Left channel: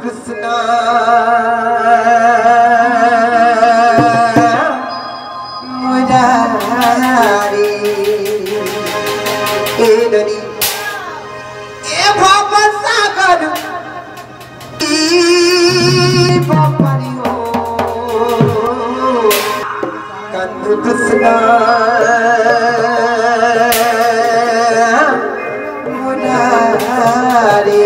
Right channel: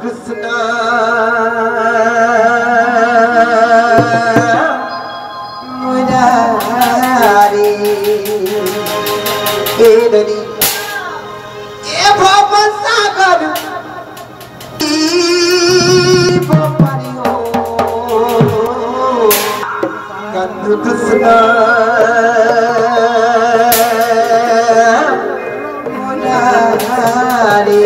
Krishna Murari Edari E Bhava Sagar E Bhava Ho Kandu Krishna Murari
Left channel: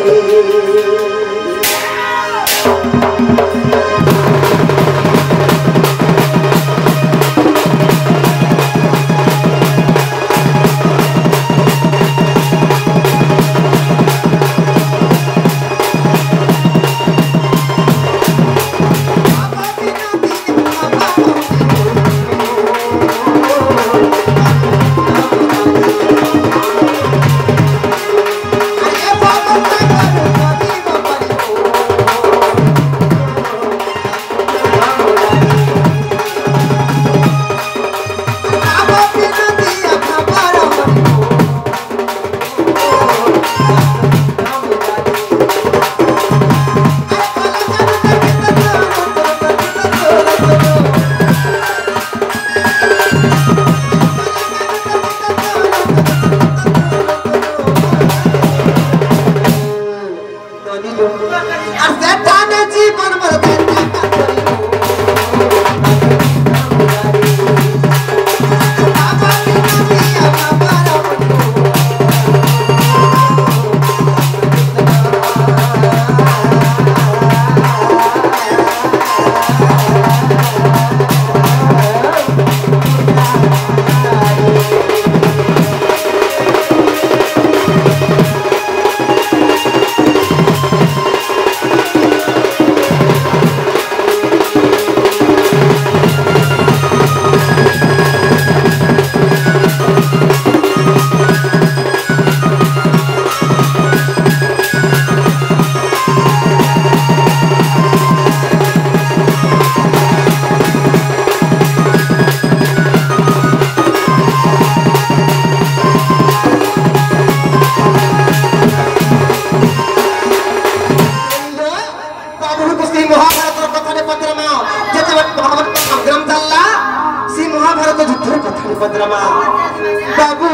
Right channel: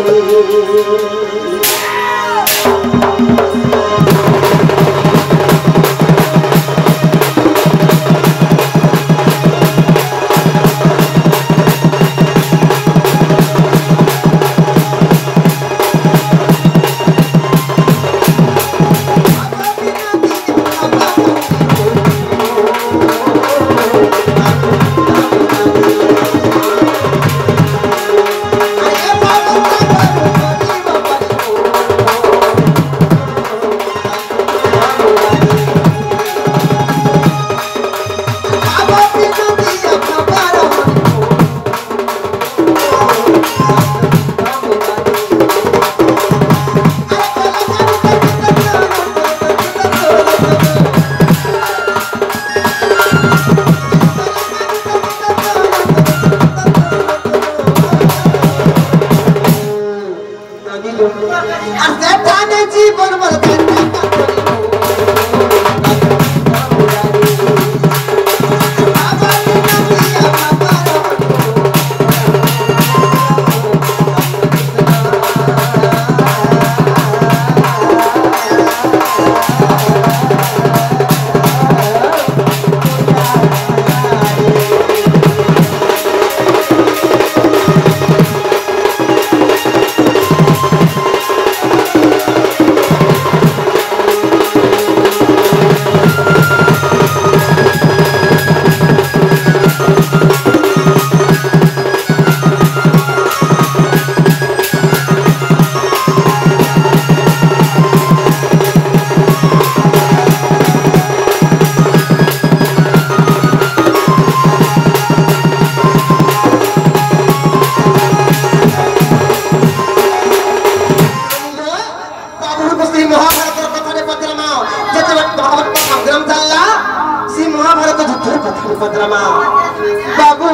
बाबू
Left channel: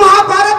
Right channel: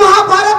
महाभारत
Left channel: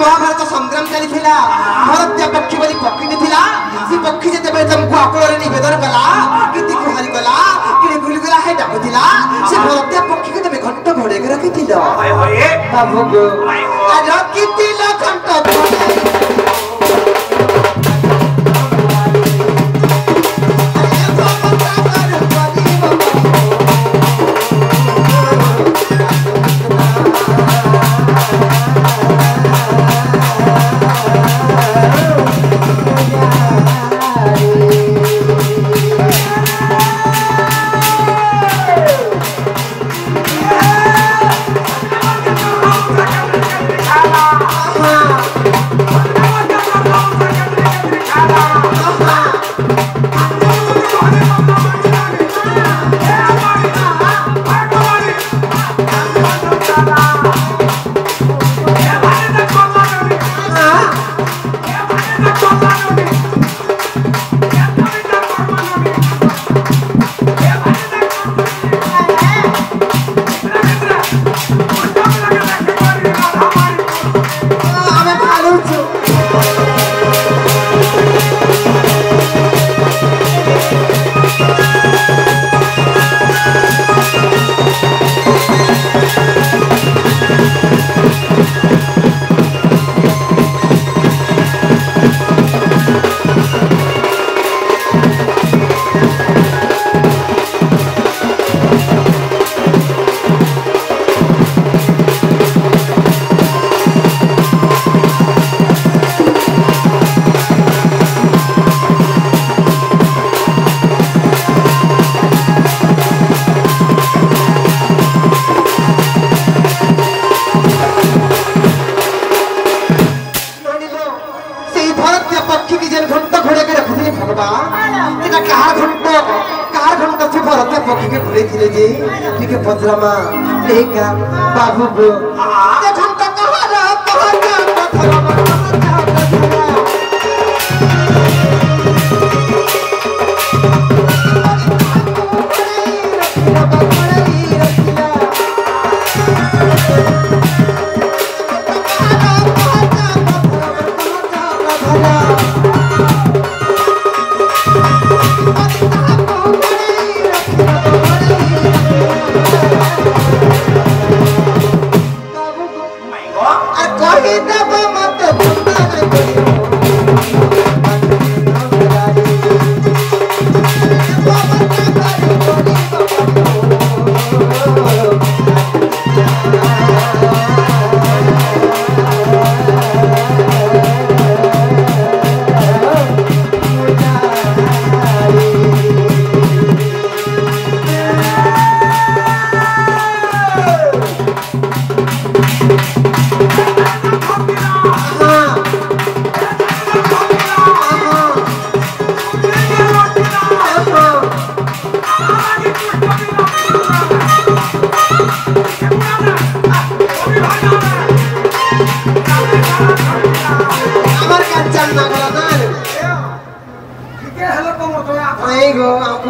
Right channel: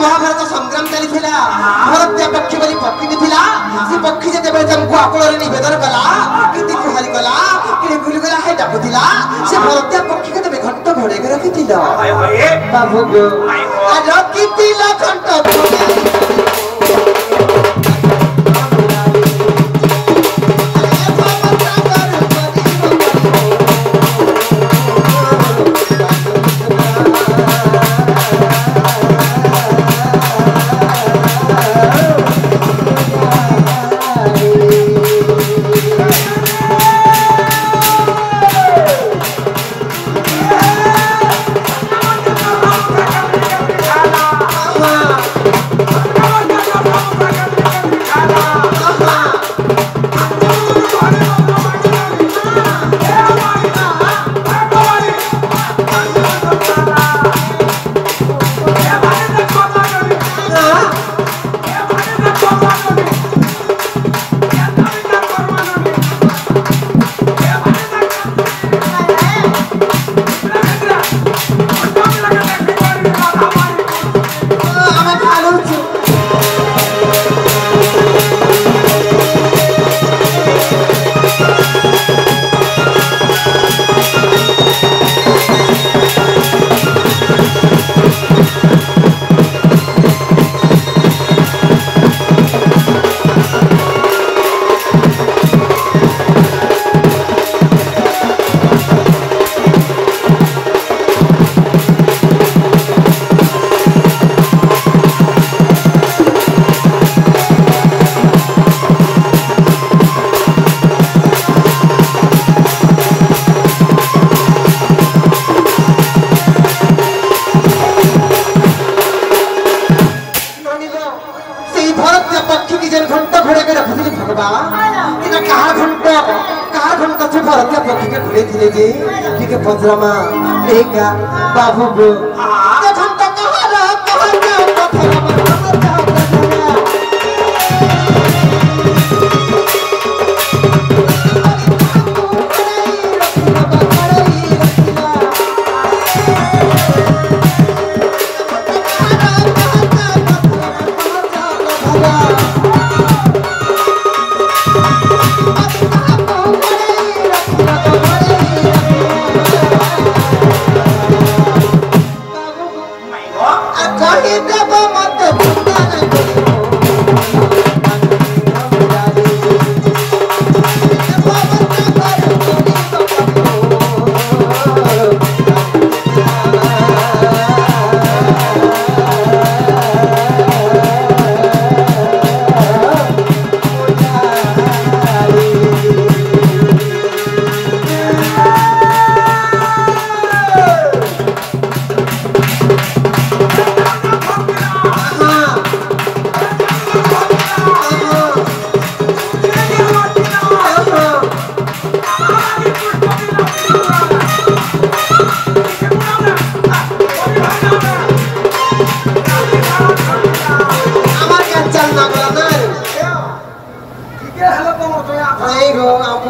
महाभारत संग्राम चली भारत पक्षी बोली पक्षी थिला से पक्षी जते हमको आकलन निवेदन कला कि गुहारी कला कि भूलगला है डाकुथिला से भारत पक्षी के तमे घंटा घोड़े के रखिथिला बाबू गो आ रखिथिला घंटा घुरे थे जे कि के पजरामा रेगा बाबू गो देखम त कहरा पथरमा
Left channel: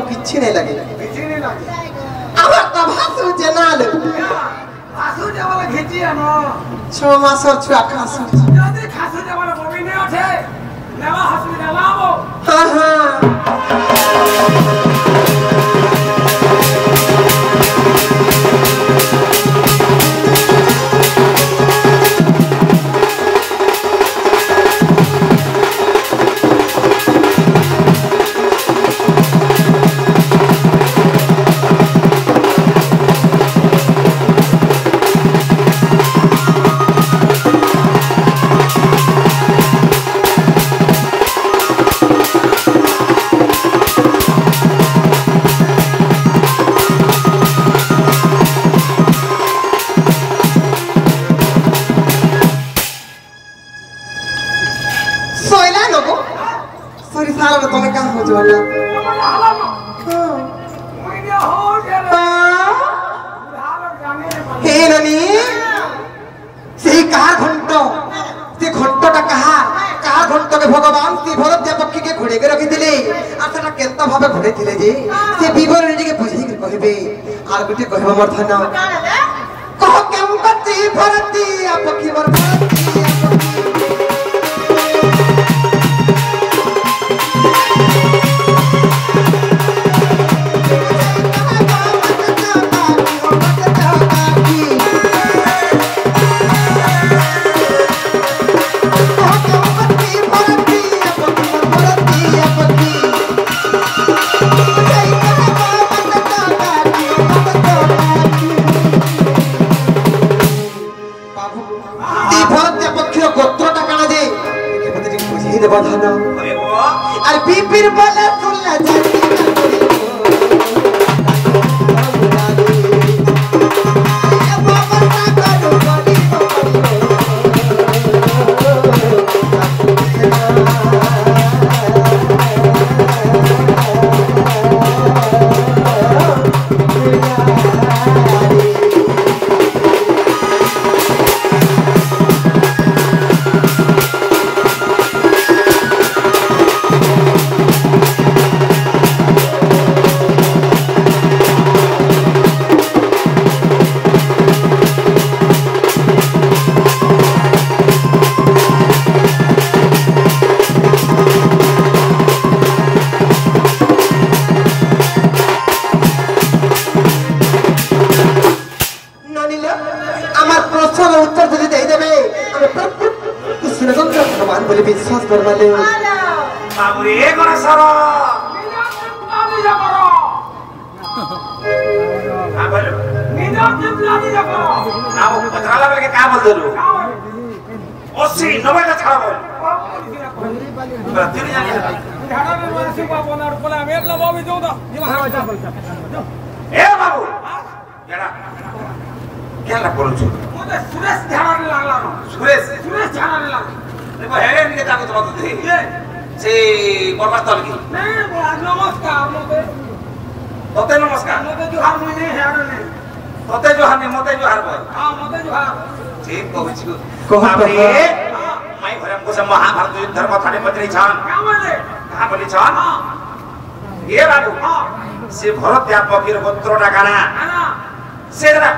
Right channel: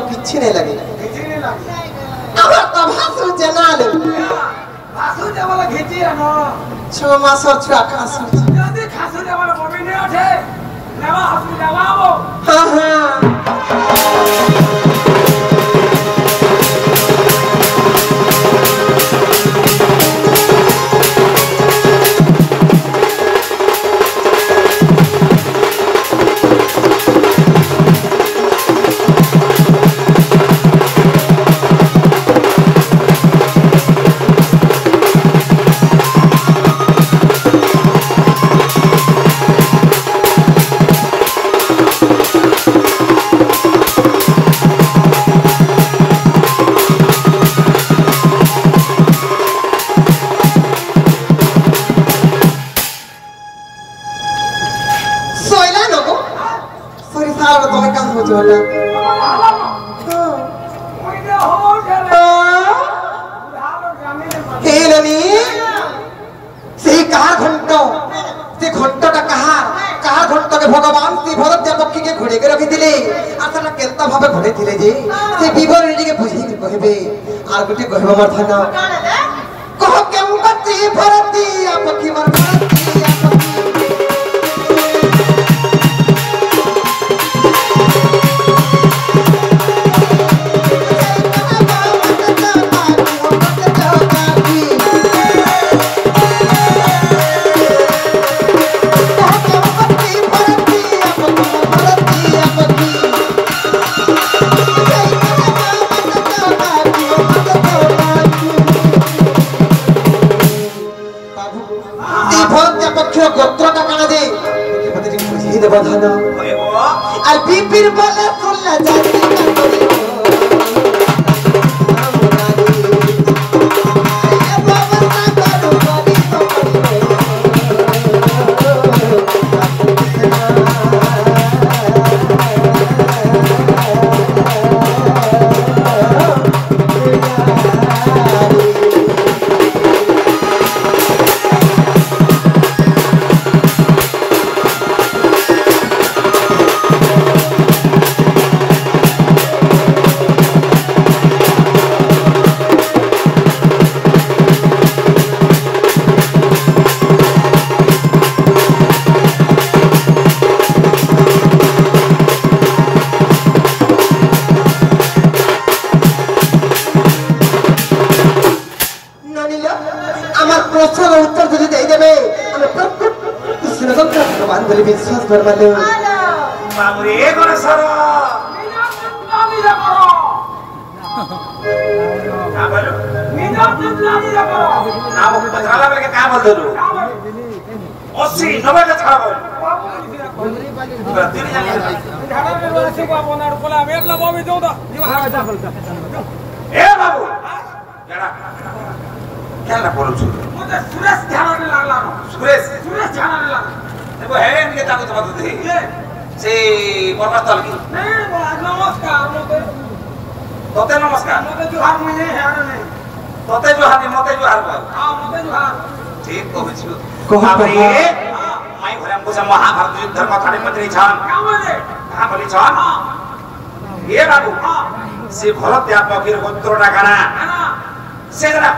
किच्छी नहीं लगे আমার তো ভাসু জানাল ভাসু জামালা ঘেটি আনো 6 মাসের ছুয়া খাসু যদি খাসু জামালা ববি নে ওঠে নেবা হসপিটাল আবো হ্যাঁ হ্যাঁ भगवान श्री भरत पक्षी के घोड़े के रखी केता भाव घोड़े थे जे से विवरण टिके बुझी कहबे आर गुटी कहबा मोर धन कह केमपति भरती पक्षी मोर भरती बधाना और बीपीर बोले फुल्ला जाती विश्वास करवाले बाबू रे कोन सारा निना करो का बोलो निना करो ना वो पत्राला के का बोल दो 80 90 का छाड़ा बोल प्रति झाड़ा में वासे को बोना कोला मेबला बाबू जोदा ए बाबू जरा क्या ला बोलू छु मुझे सुरेश झाड़ा में लागला सुरेश झाड़ा में लागला देखो है इनके ताकत मत दे से बर्बाद तल की नहीं बोला नमस्कार लोग तोते नमस्कार मते जुहार में नहीं है आने तोते जुहार नहीं मते जुहार बोल हां मते जुहार ठीक कहछु कह बाबरे माई घरे हमको सब महाभारत युद्ध धर्म थाने मंत्री छान का बोले कहां बोली छान ये बाबू से भरत या पकीर गोत्रटा गाना आना से जरा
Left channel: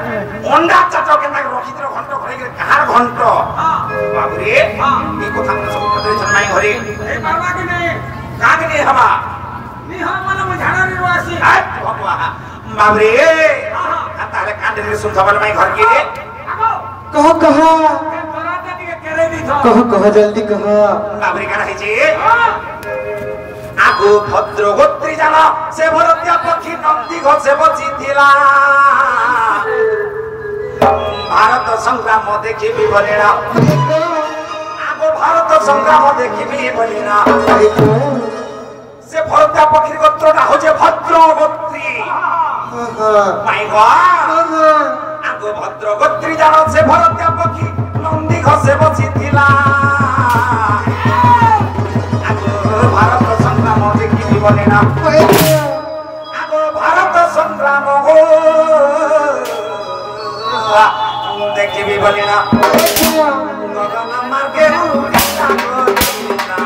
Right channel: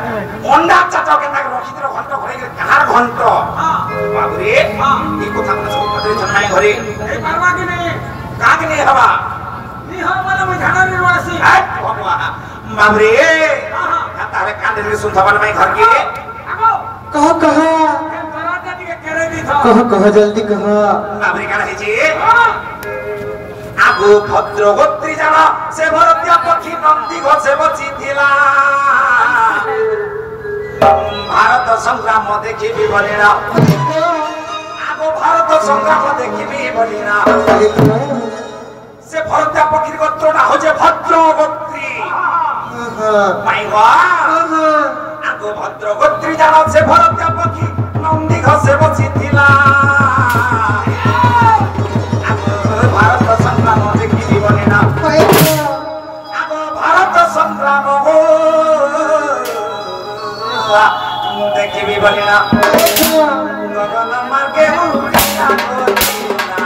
अंडा चाचा के नाक रखित्र घंट घरे के कहार घंट बाबूरे ई কথা मन सब पत्रे जन्माई घरे ए करवा के नहीं काग नहीं हवा नहीं हम वाला मैं झाड़ा रे वासी हट भगवा बाबूरे तारे कांदे में सुन थबल माई घर के आगो कह ए बरात के करे दी था कह जल्दी कह बाबूरे का रही जी आगो भद्र गोत्री जाना से भरतिया पक्षी नंदी घसे बची थिला भारत संग्राम देखिबी बलेना आगो भारत संग्राम देखिबी बलेना से भरतिया पक्षी गोत्रटा होजे भद्र गोत्री माई गो आगो भद्र गोत्री जाना से भरतिया पक्षी नंदी घसे बची थिला भारत संग्राम देखिबी बलेना आगो भारत संग्राम हो देखिबी बलेना गगन मार्गे उड़िया गोरिला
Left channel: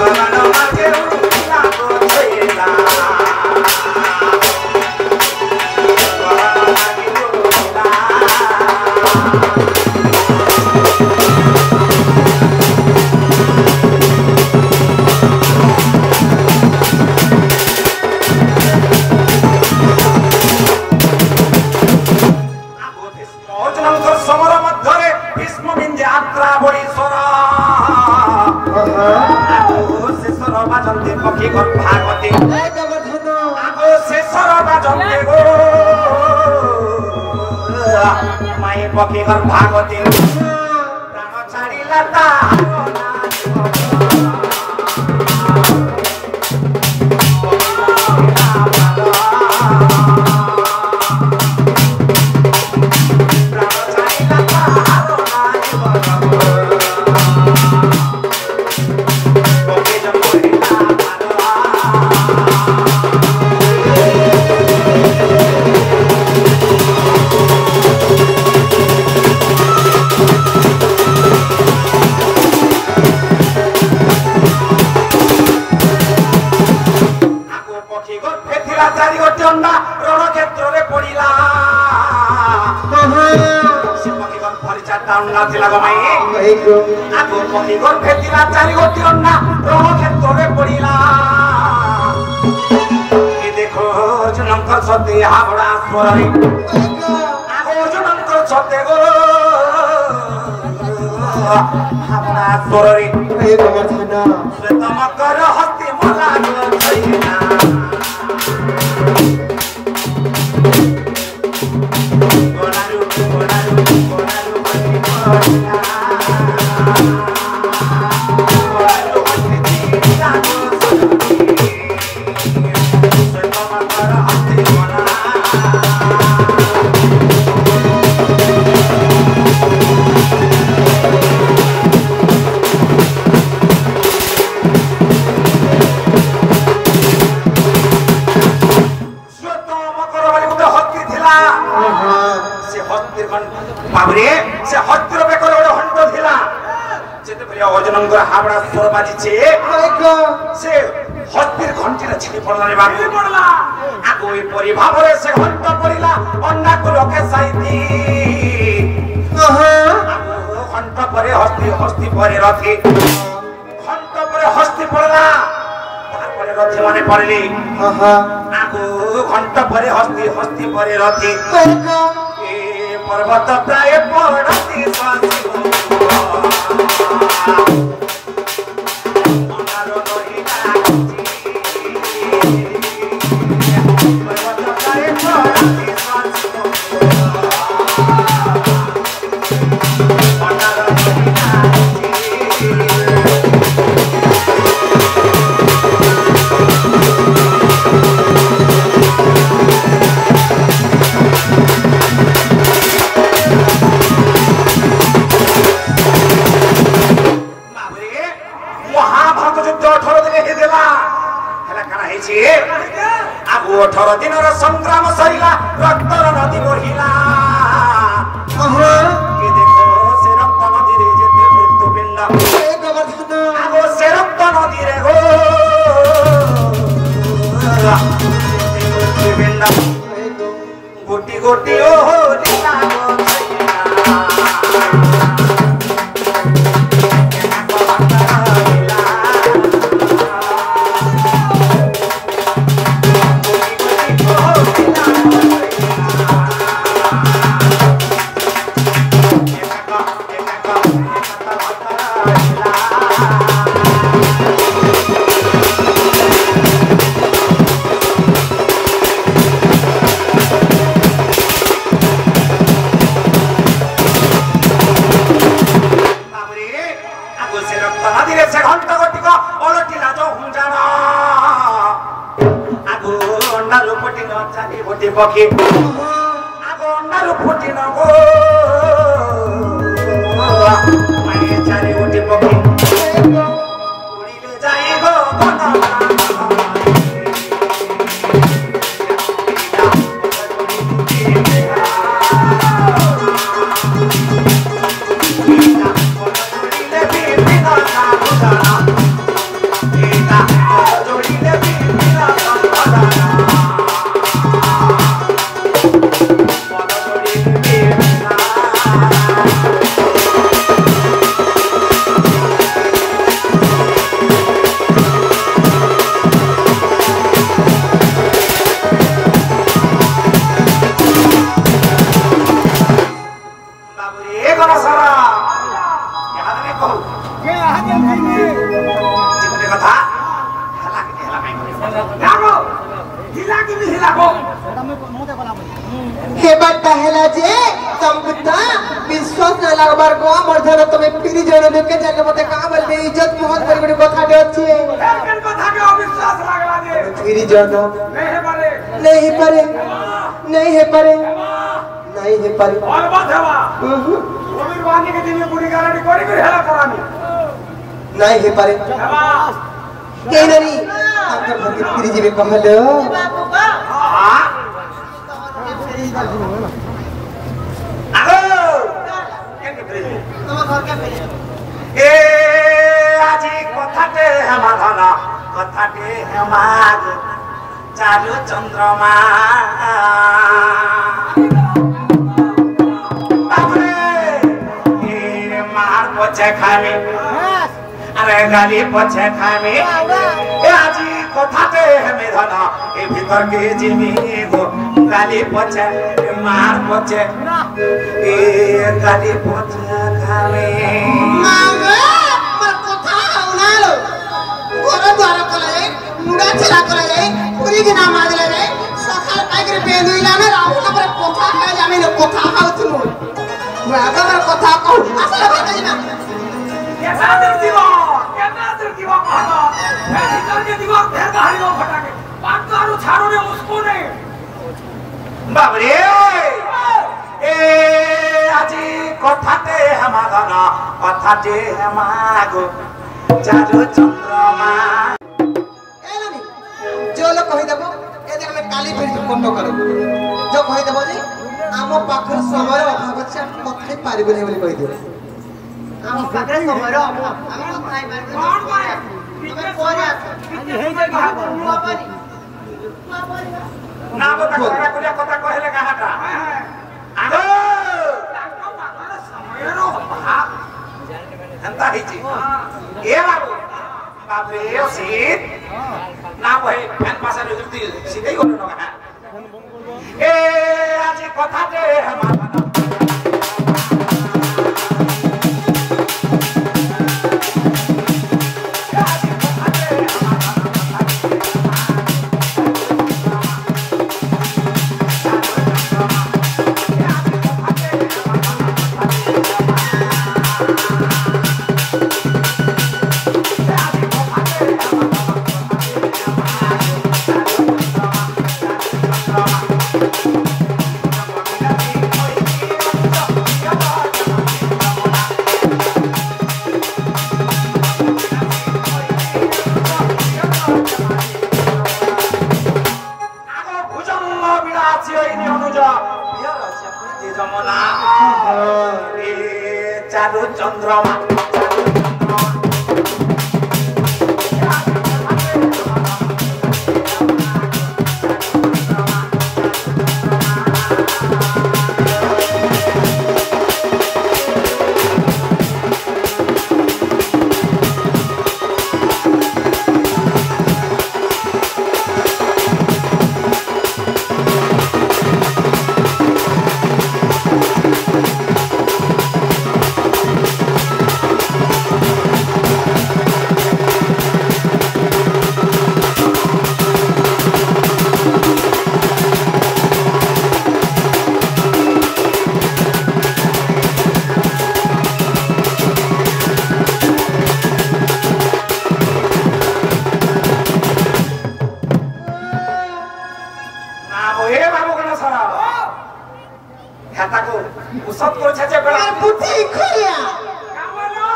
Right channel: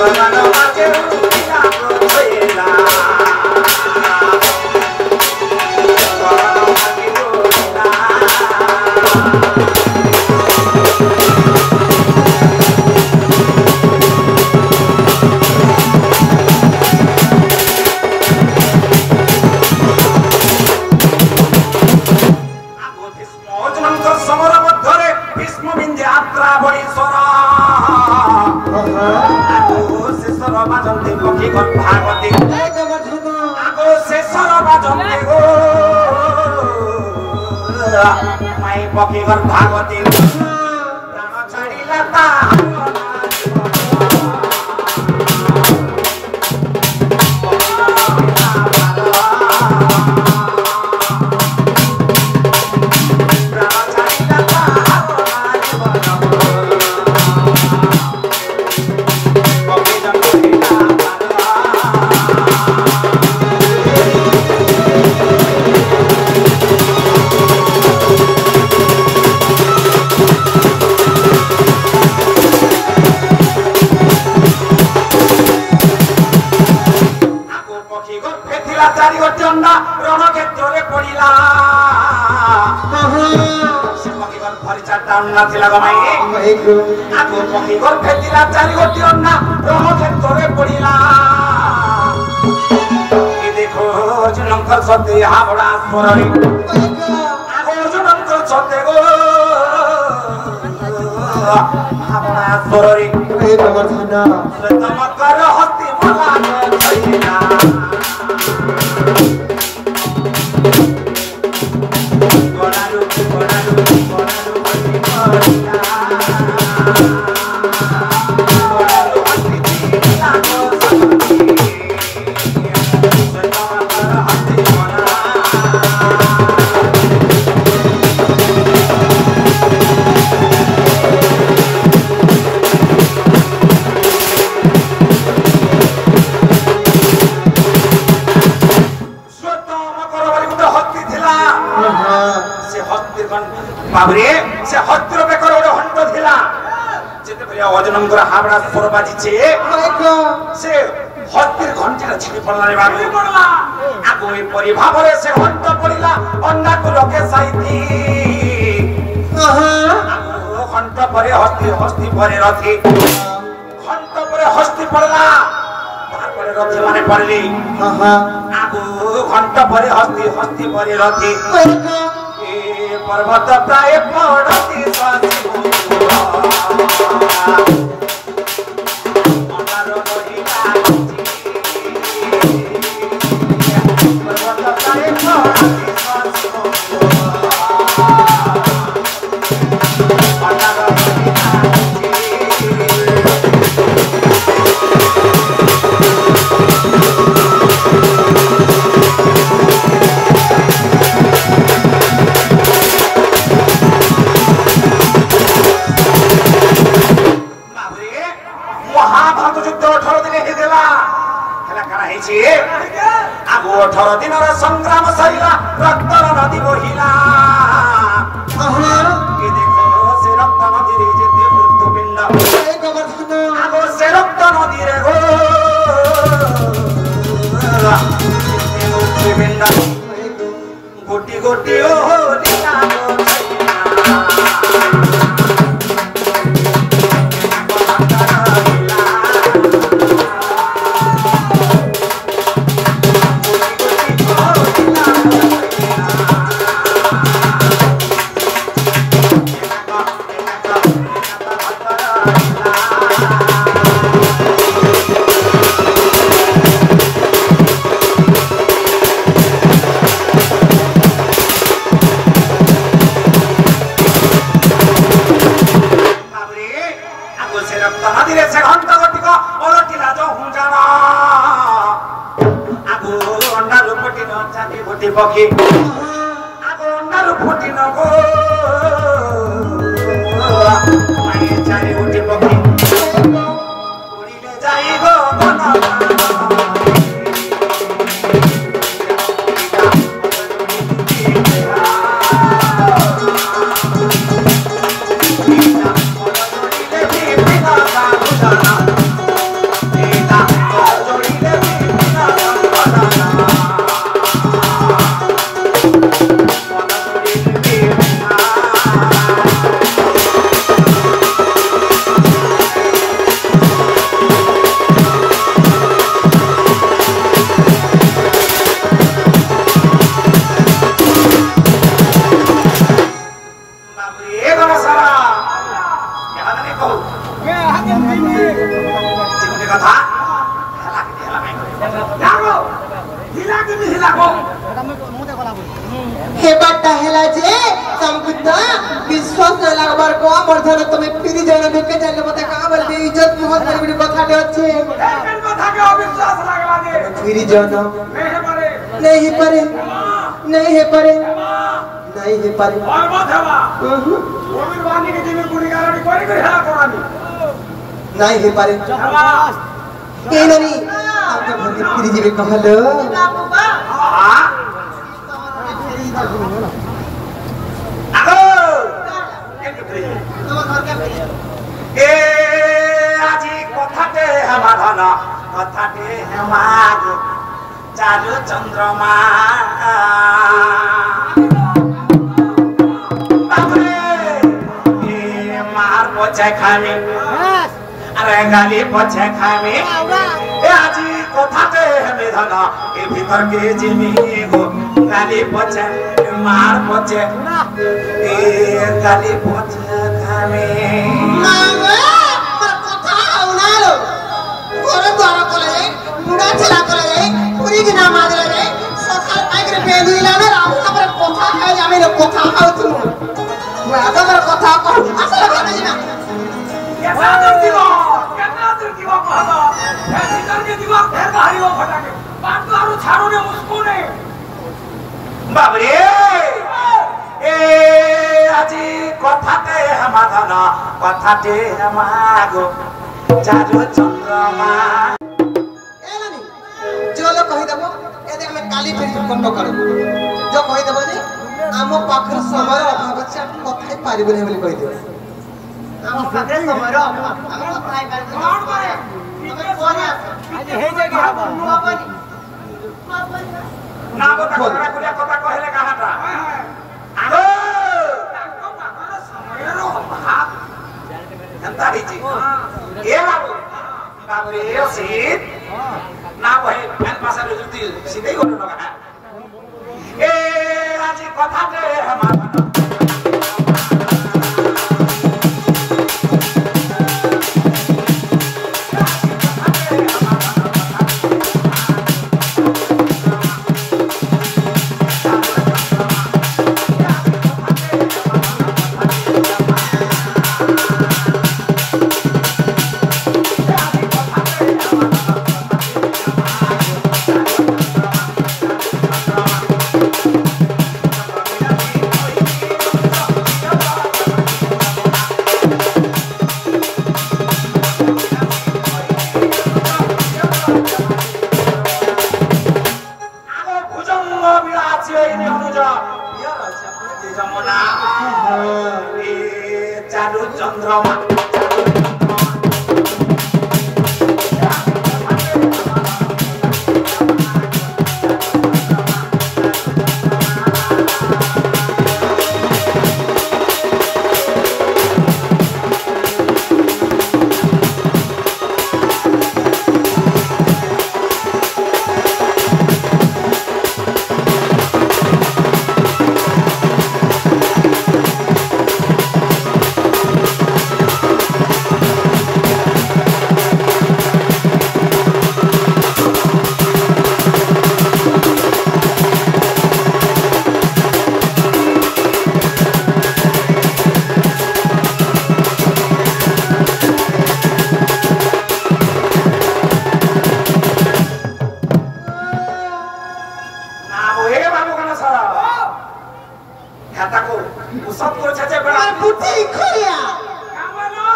गगन मार्गे उड़िला गगन मार्गे उड़िला गोरिला पकी घर भागवती प्राण छाड़िला ता सत्य हावड़ा स्वरी आगो जुनंत सत्य गो हावड़ा स्वरी ए गवर्धना श्वेतम कर हस्ती मला गो छैना गोरारु बाबरे से हत्तर बेकर ओडे हंट थिला जेते बरिया अजनंगर हावड़ा स्वर बाजिचे से हत्तिर घंटीरा छिपी पड़ला रे बाबू पड़ला आगो ए परि भाबरे से हंट पड़िला अन्ना को रके साइती आगो हंट परे हस्ती हस्ती परे रथी हंट परे हस्ती पड़ला तार परे रथी माने पड़ली आगो हंट परे हस्ती हस्ती परे रथी पर्वत प्राय पड़ती पक्षी आगो अंडारू फुटी न गो माये चारी उठी पक्षी उड़िले जाई गो हे बट्टा हेला जे संबुद्धा विश्वास न लागबार को मर्धन तुम्हें फिरी जण दुके जाने मते का बोल बे इज्जत मोहन कर गुडी कथा दे अछि एकन कथा के अविश्वास लागला ने फिरी जण नहीं परे नहीं है परे नहीं है परे और बात है बा गोविंद वाणी के दिन गुडी गारंटी कोरी कोरी हेला करानी नहीं है परे के ननी आपका भंगी फिरी जीवे कहलो बाबू बा हां आगो তোমার ঘরকে ফিরে ए আজি কথাতে হেমাধন কথাতে হেমাগ চারু চন্দ্রমা বাবরে এ মার পছে খামি আরে গালি পছে খামি এ আজি কথাতে হেমেধন এ ভিতর কে জিমি গো গালি পছে মার পছে এ গালি পছে খামি मामे पर कथा उनालो गोरे द्वारा कोले मुडा चला कोले पूरी दिना मादले रे सकाळ आगरे बेलुला ना राहू ना पर कथा है जामे न कथा हाउ तुम मैं आगे पर कथा कहू असले बात जिना केतना दूर दिवा कहता ए भीतर के दिवा ढेर भारी हो फटाके बात तो आरो छाड़ो ने उसको ने बाबरे ए আজি কথাতে হেমাধন কথাতে হেমাগো চারু চন্দ্রমা एलानी जो लोग कहि देबो ए देख मैं काली फेरी कंट करे जो कहि देबो जे आम पाखर समय अभाव छै कथाई पारिबो नै बोली कहि देबो ଆମ ପାଖରେ ସମୟର ଅଭାବ ଆମେ କଥା ହେଇ ପାରିବୁ कौन करे ତମେ ପରେ ଆସ पिछे हे जाएगा ହବନି না কথা কথা কথা কইলে কাহাটা আগো समयरो अभाव এন্তা হইছি এ বাবু বাবরে সিট না ভাই ফ্যান পাশারে যুক্তি সিধেই গলো না এ আজি কথাতে হেমাধন চারু চন্দ্রমা উসব করছে যে বেলা আমার বুদ্ধি খুলিয়া কামনা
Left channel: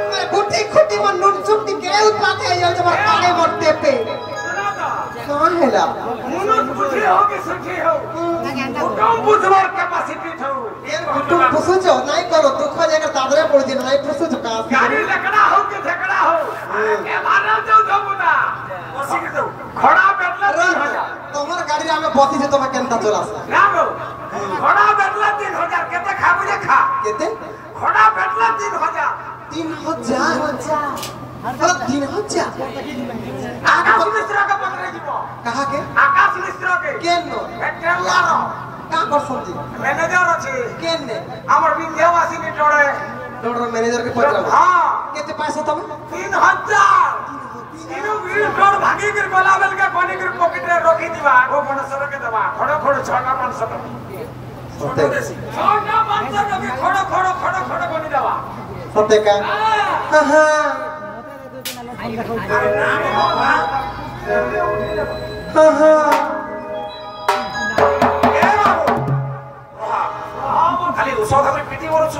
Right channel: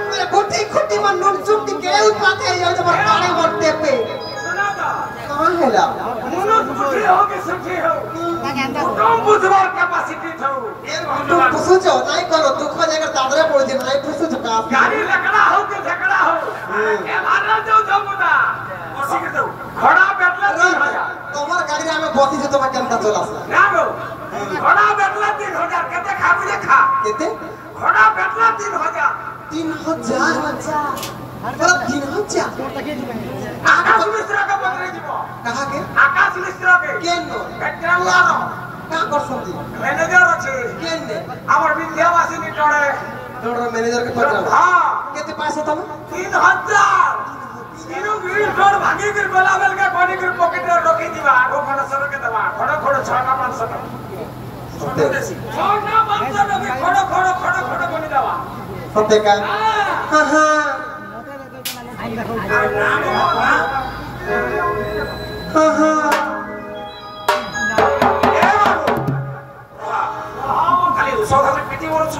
আমার বুদ্ধি খুঁটি মন নুন চুক্তি কেউ পাতে যাও তোমার কানে মরতে পে শোনা তো কোন হেলা মনত বুঝি हो कि सठी हो কম বুঝবার ক্যাপাসিটি থো तुम फुसुचो नहीं करो दुख हो जाएगा दादरा पड़ दिन नहीं फुसुचो का गाड़ी लकड़ा हो कि झगड़ा हो के मारल देऊ जमुना বসি কে দাও घोड़ा बैठला 3000 তোমার গাড়ি আমি বসি যে তোমার কেনটা চলে আসে ना गो घोड़ा बैठला 3000 केते खाबू जे खा কেতে घोड़ा बैठला 3000 3000 आकाश मिश्रा का पत्र जीव कहा के आकाश मिश्रा के केन ट्रेलर का करसंती मैनेजर अछि केन ने हमर विद्यावासी ने टोड़े डॉक्टर मैनेजर के पत्र हां केते पैसा तुम 3000 तीनों वीर जोड़ भागी गिर गोला बेल के कोनी गिर पॉकेट में रोकी दिवा आगो मनसर के दवा खड़ो खड़ो 6 का 500 का सत्य 6 का 500 का भी खड़ो बनी दवा सत्य का हां हां हां हां খালি উসব ধরে পিটি বলছু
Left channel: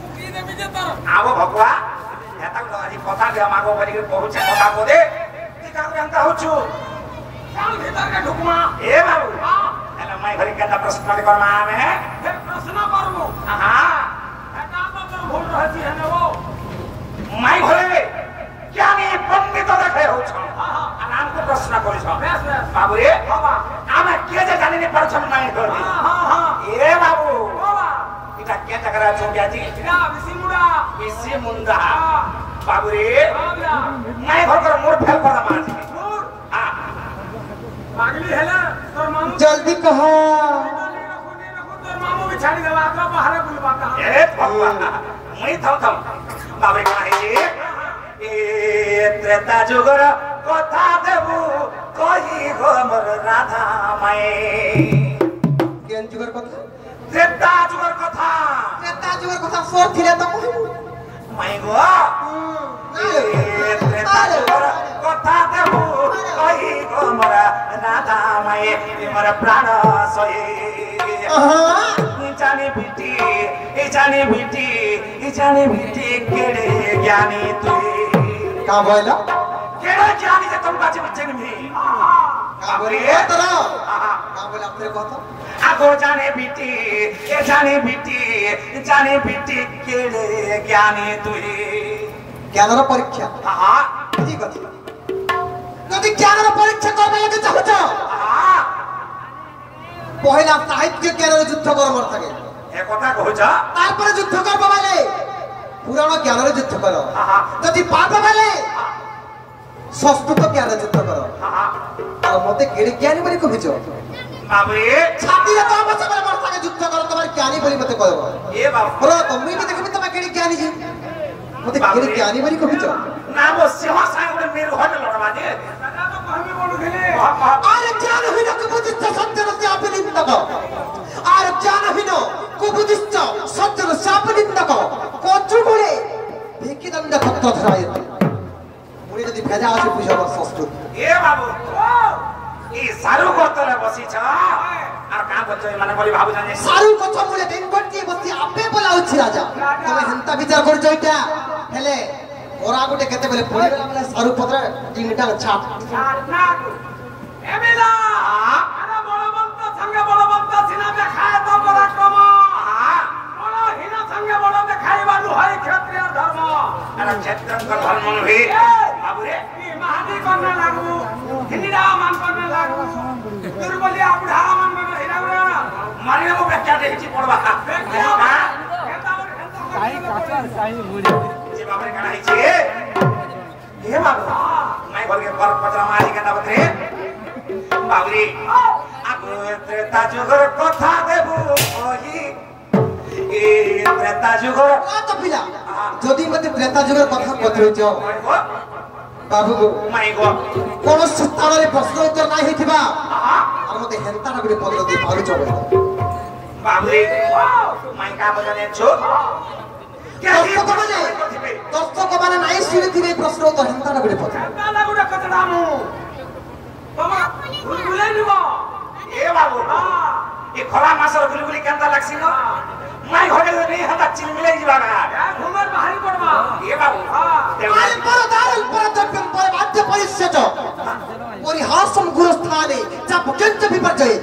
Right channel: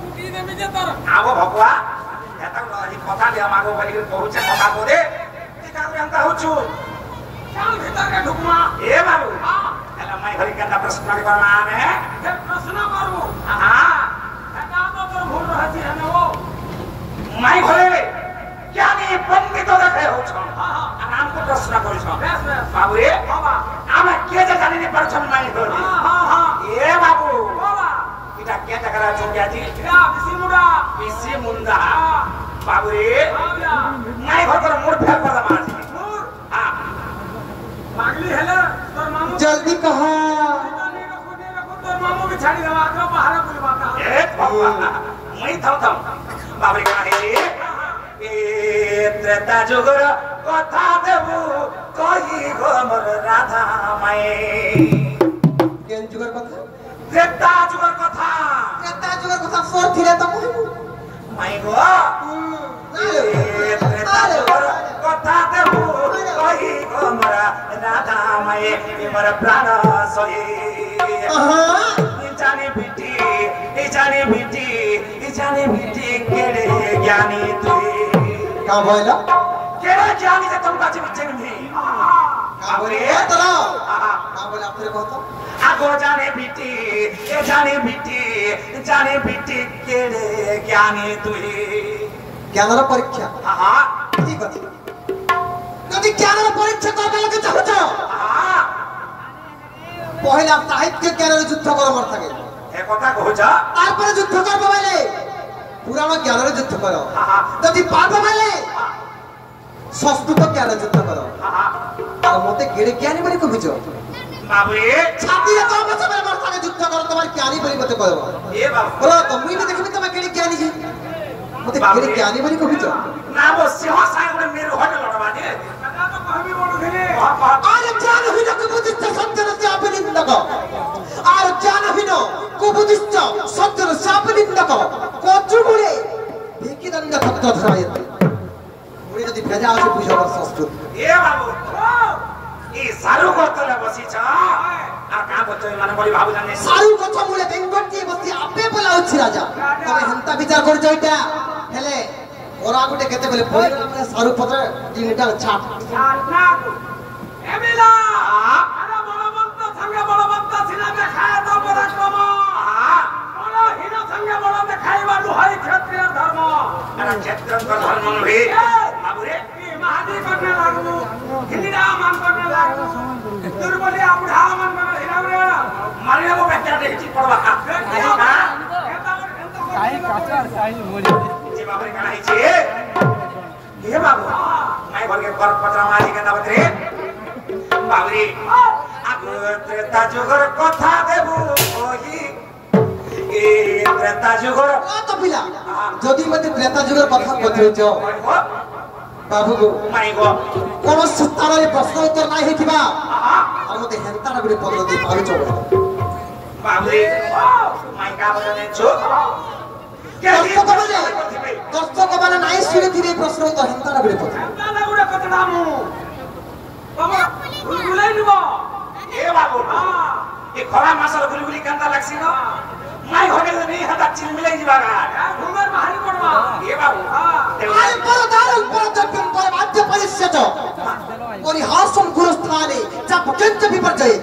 ফুকি দেবি যে তার আগো ভগবা এটা আজি কথা দিয়া মাগো বলি করে কহুছে কথা বলে তি কারু এন্তা হচ্ছু চাল ভিতর কে ঢুকমা এ বাবু এলা মাই ঘরে কেটা প্রশ্ন করমা আমি हे प्रश्न करबो হ্যাঁ एका तो तोर भूल रहती है वो মাই ঘরে জ্ঞানী পণ্ডিত দেখে হচ্ছ हां हां আরাম কো প্রশ্ন করিছ बेस बेस বাবু রে बाबा আমি কে যে জানি নি পারছন মাই ঘরে हां हां এ বাবু बाबा এটা কে টাকা চোকে আজি इरा बिसिमुड़ा বেশি মুন্ডা हां বাবু রে बाबा মাই ঘর করে মোর ফেল কথা মাছ नूर হ্যাঁ पागली हेले तोर मामू जल्दी कहो तोर मामू भी छाड़ी देवा तो बाहर बुलवाता এ বাবা মই থাও বাবু কাহে এ ত্রেতা যুগর কথা দেবু কই গো মোর রাধা মাই केन जुगर কথা ত্রেতা যুগর কথা त्रेता जुगर কথা সর থিলে তো কহিবু মাই গো ত্রেতা যুগর কথা দেবু কই গো মোর রাধা মাই মোর প্রাণ সয়ে জানি বিটি কেড়ে জ্ঞানী তুই का बोला केड़े ज्ञानी से तुम बात बिचन में का बोले तरा का बोला अपने को तो आगो जाने बिटी केड़े ज्ञानी तुई ज्ञानर परीक्षा हां ठीक আছে যদি জ্ঞানর পরীক্ষা করবে লাগে চাহুছ हां পহেলা সাহিত্য জ্ঞানের যুদ্ধ করবার থাকে এ কথা কইছ তারপরে যুদ্ধ করবে বলে পুরানো জ্ঞানের যুদ্ধ করো हां যদি পারবে বলে সংস্কৃত জ্ঞানের যুদ্ধ করো हां আর মতে কেড়ে জ্ঞানী বলি কইছ বাবুরে ছাতিয়ে তো বছর আমার সাথে যুদ্ধ করো তোমার জ্ঞানী বলি মতে কইব এ বাবু বলো তো মুই তো দেখিবি তোমার কেড়ে জ্ঞানী জি মতে কেড়ে জ্ঞানী বলি কইছ না বসে হাসাই করে মেরে হোটেল লড়বা দে दादा तो कहबी बोलू दिले আরে জ্ঞান হইল কুবুদ্ধিষ্ট সত্যের চাপনিন্দক আর জ্ঞান হইল কুবুদ্ধিষ্ট সত্যের চাপনিন্দক কচুগুড়ে ভিকিদণ্ড ভক্ত ধরাইতে মুড়ি যদি ভেজা আছে বুঝাবার সংস্কৃত এ বাবু এই সারু গতলে বসিছ আর কা গত মানে বলি বাবু জানি সারু কথা মুলে দিন করতে বসি আপে বলা হচ্ছে রাজা তবে হেন্তা বিচার করছ এটা হেলে ওরা গোটে কেতে বলে পড়িগলা মানে সারু পত্র তিনটা ছাপ ना एमिला अरे बलवंत संगे बलवंत सिना देखाय तो पराक्रम बल हीन संगे बल देखाइबा लुहाई क्षत्रिय धर्म अरे क्षेत्र धर्म नहे बाबू रे ई महादी करने लागबू हिंदीरा मान करने लागबू दुर्बलिया बुढ़ा मन में हिरा रे मारिया को बेटा देखि पड़बा जी बाबू रे काहे छी ए बाबू मैं बोल के कर पत्रा मारी के दावत रे बाबू रे आगो त्रेता जुगर कथा देबू ओही ए त्रेता जुगर ও তো পিলা যদি মতে ত্রেতা যুগের কথা কইছ বাবু माई गो কোন স্থাନରେ প্রশ্ন উত্তর নাই হইতিবা আর মতে হেন্তাটা বলি পত্র দি পালু চলে बाबू रे माई का बोले छु দর্শক মানে নাই শুনেছিবে প্রশ্ন তো হেন্তাটা বলি পত্র दादा गुडा कतनामू बाबा बुलाई निबो ए बाबू हां ए खरा मासर गुलगुली कांता लागसी न माई घरे नहीं हता चिल मिले जीवा ना घुमर बाहरी पड़वा ए बाबू आय परदार परजप्यं परमाद्य परिष्यच परिहासं गुरुस्थाने च भजन्त विपर्जये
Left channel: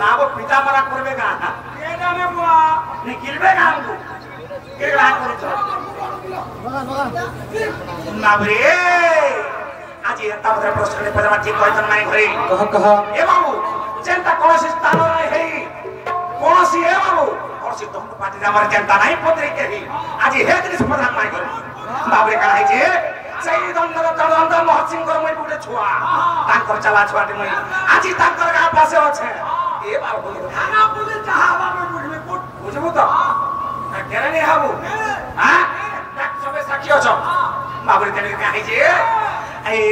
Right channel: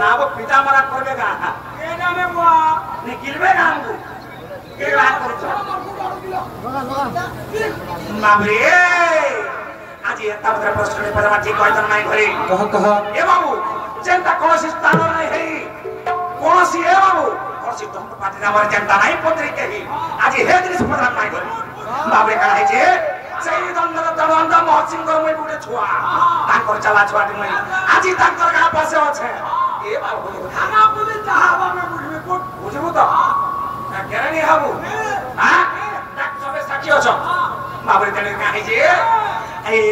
नाव पिता मरा करबे का ए नामे बुआ निकलबे का हमको के बात करतो बाबरे आज एता बड़ा प्रश्न पर माटी कहतन माई घरे कह ए बाबू चिंता कोनोसी स्थान नहीं है कोनोसी ए बाबू कोनोसी तुम पाटी हमर चिंता नहीं पत्रे के ही आज हे दिन प्रधान माई घरे बाबरे का है जे সেই দণ্ডর তদন্ত মহসিংকর মই গুটে ছুয়া তাঙ্কর চালা ছুয়াটি মই আজি তাঙ্কর গা পাশে আছে এ বাবু থানা পুলিশ যাহা বাবা বুঝবে কোট বুঝবো তো না কেন নি হাবু হ্যাঁ ডাক সবে সাক্ষী আছো বাবরে তেনে কাহি যে এই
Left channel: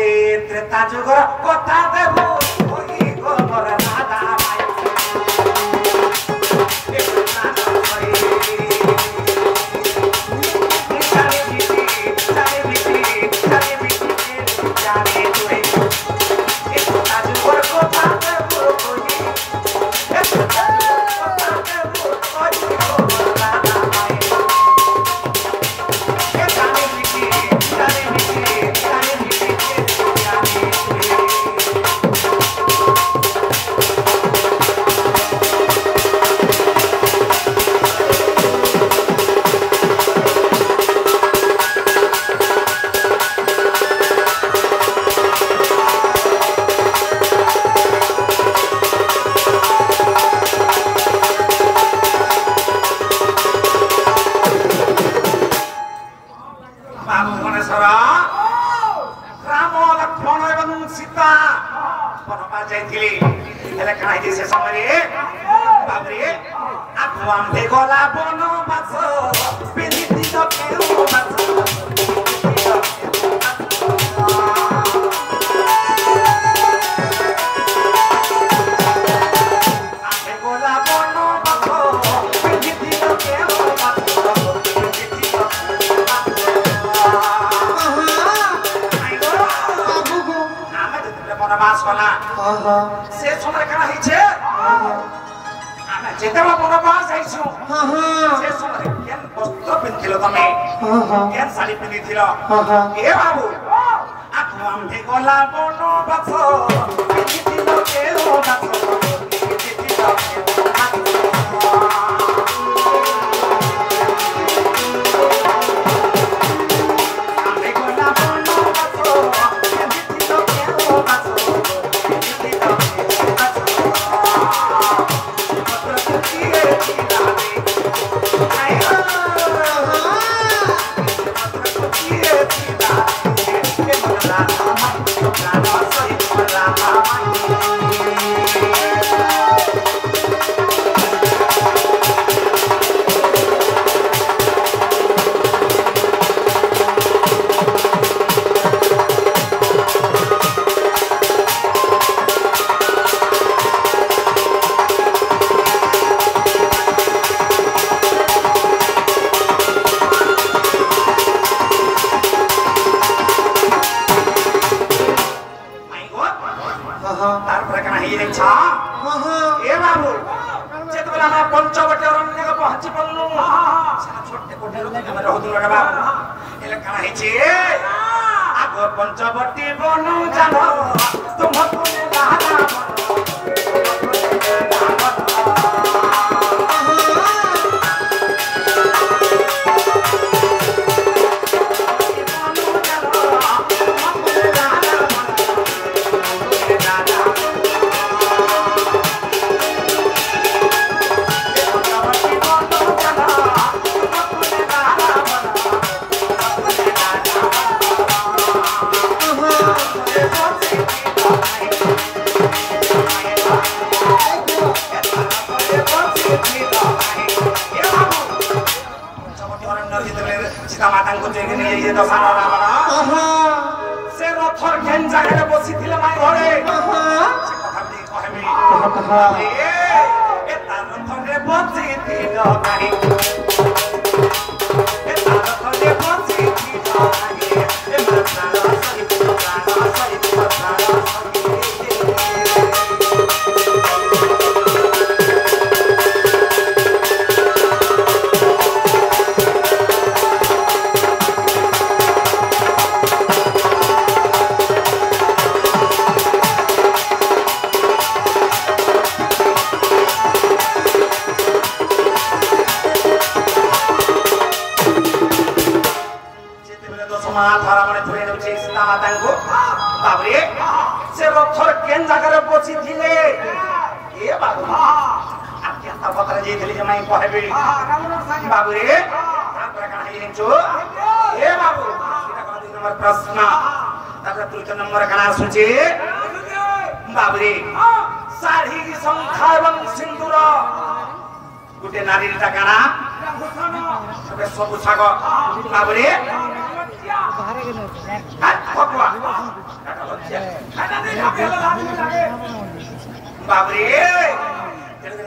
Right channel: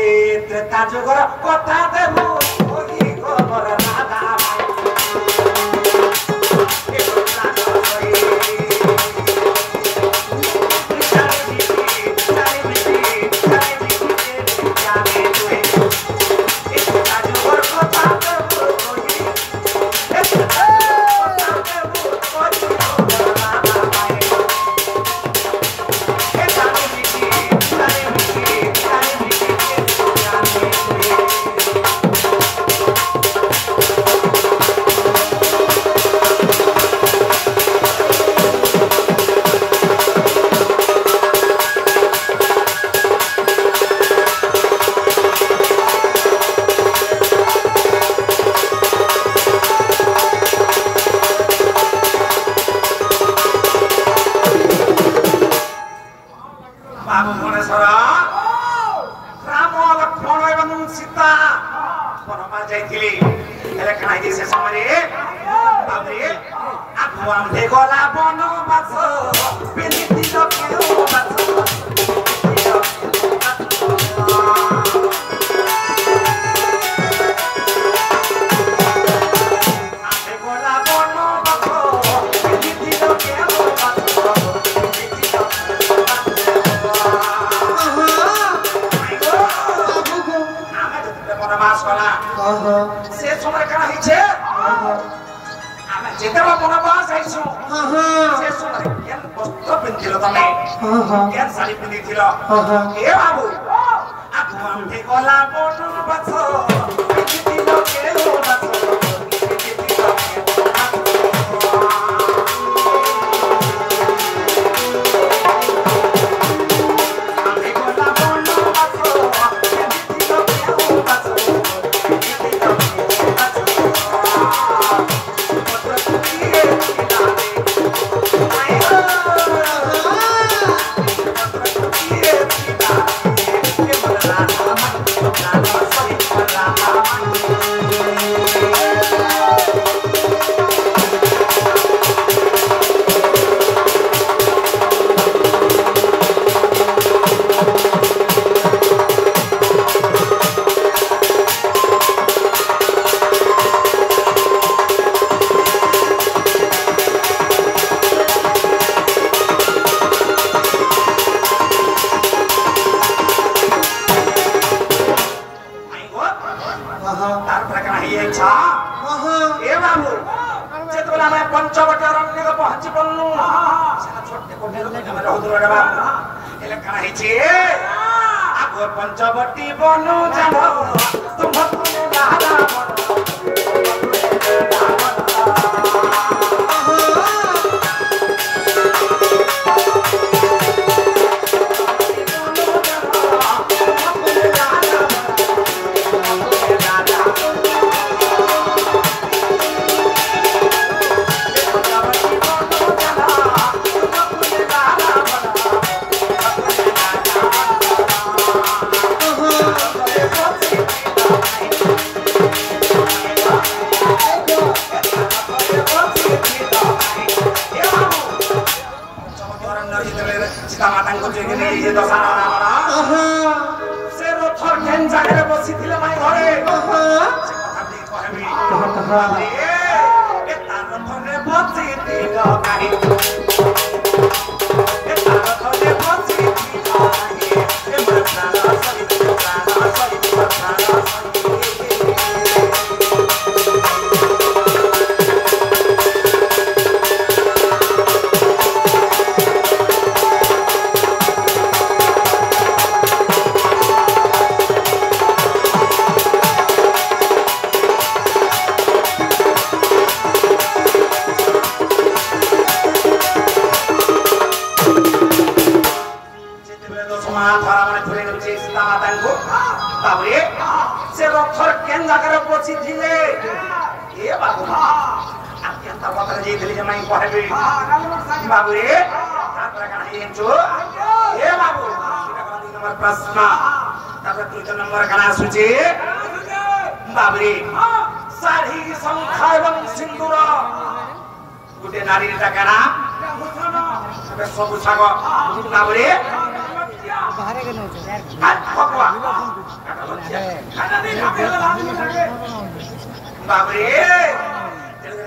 ত্রেতা যুগর কথা দেবো ওই গোবর দাদা ভাই এ কথা কই ए बाबू आत्मांते कोला बोनो बासो बिति लोके ओ बासो बिति लोके आत्मांते कोला बोनो बासो बिति लोके ओ बासो बिति लोके पंचवटी बनू जानो तुमको बाबरे से रथर केन जगह बची थिले ए बाबू केनता पत्र जे दिले जमाई कहबे बाबरे ताकरा काहे जो ए बाबू नंबर प्रश्न ताकरा तृतीय नंबर कना सुचे बाबरे साड़ी संख्या एवं सिंदूर गुटे नारी टाकाना अबे सब छाग बाबरे बाबरे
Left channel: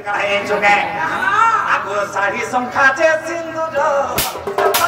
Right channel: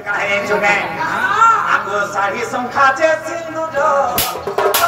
काहे चुके आगो साड़ी संख्या चे सिंदूर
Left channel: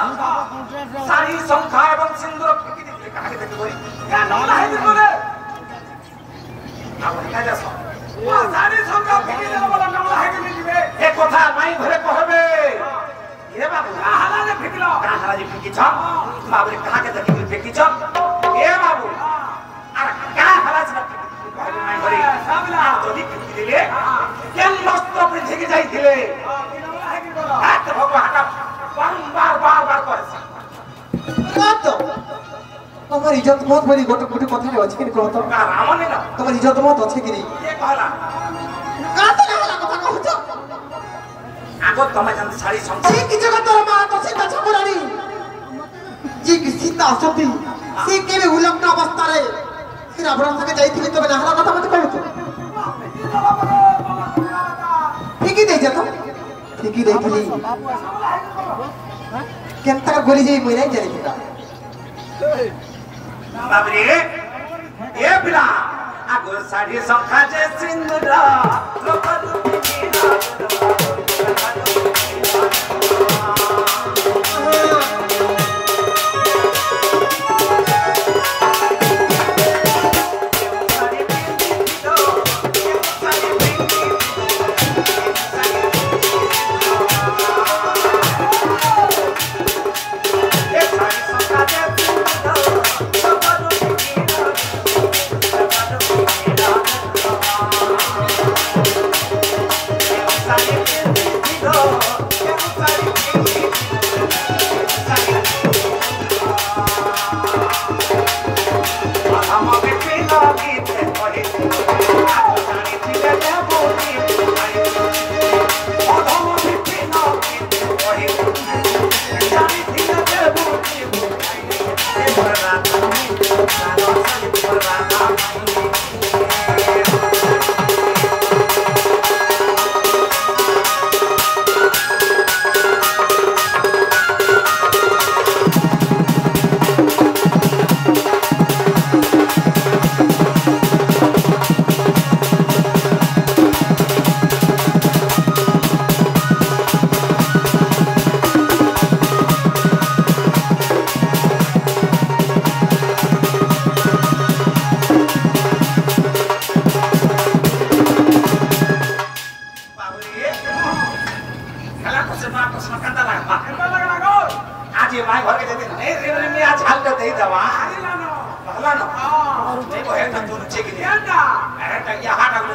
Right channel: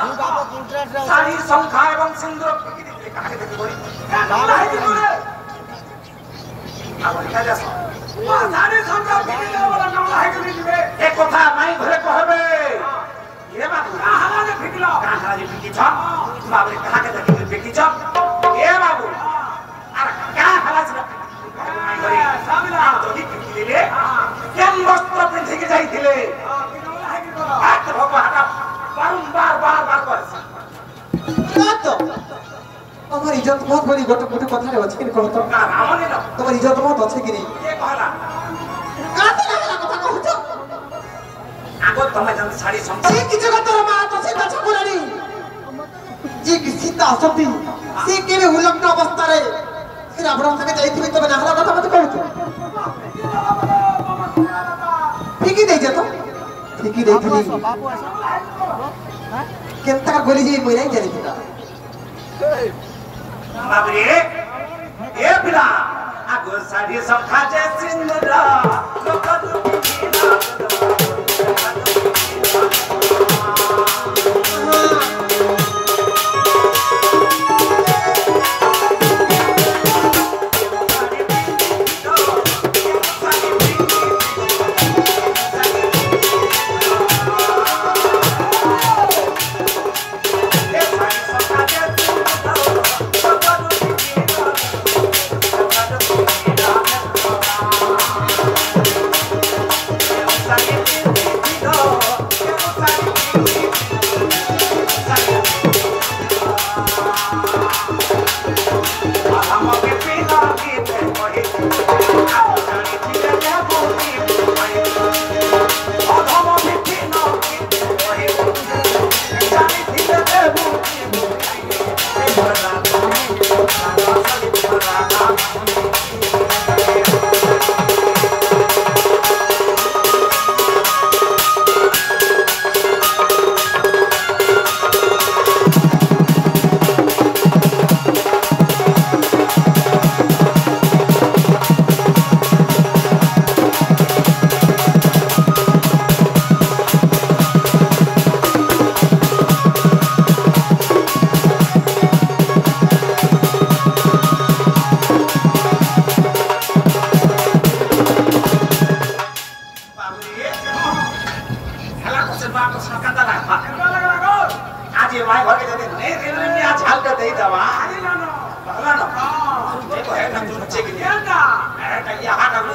साड़ी संख्या एवं सिंदूर फकी दिले काहे देखि बोली नमला है बोले अब लिखा जा साड़ी संख्या फकी दिले बोला नमला है कि दिबे ए कथा माई घरे कहबे ये बाबू आहाला ने फकिलो आहाला जे फकी छ बाबू काहे देखि फकी छ ए बाबू आ का हाला छ माई घरे साबिला जदी फकी दिले केन वस्त्र पिंधि के जाइथिले नमला है कि बोला हाथ भगवा हाथ बार बार बार कर तो আমার ইজ্জত মত বলি গোটে গোটে কথা রে আছে কি কহ তো রামনে না তোমার ইজ্জত মত আছে কি নি কে কহলা কাতে লাগলা কথা কহছ আগো তোমা জান শাড়ি সম এই কি জগত তোর মা তো সীতা ছাপুরানি জি কি সীতা আসতি সে কেবে উলগ্ন অবস্থারে সে রাবণ থেকে যাইতিবি তবে না হারা কথা মতে কহছ ঠিকই দেই যা তো ঠিকই দেইছিলি কেনতা গলি যাই মইরাই জানিতা बाबरे ए बिला आगो साड़ी संख्या जे सिंदूर लोकल आज ये माय घर के जगह नहीं रेलवे में आज हाल कर दे दवा पहला ना ये को है ना तुम चेक दिया ना अरे कहिया हाथ अगले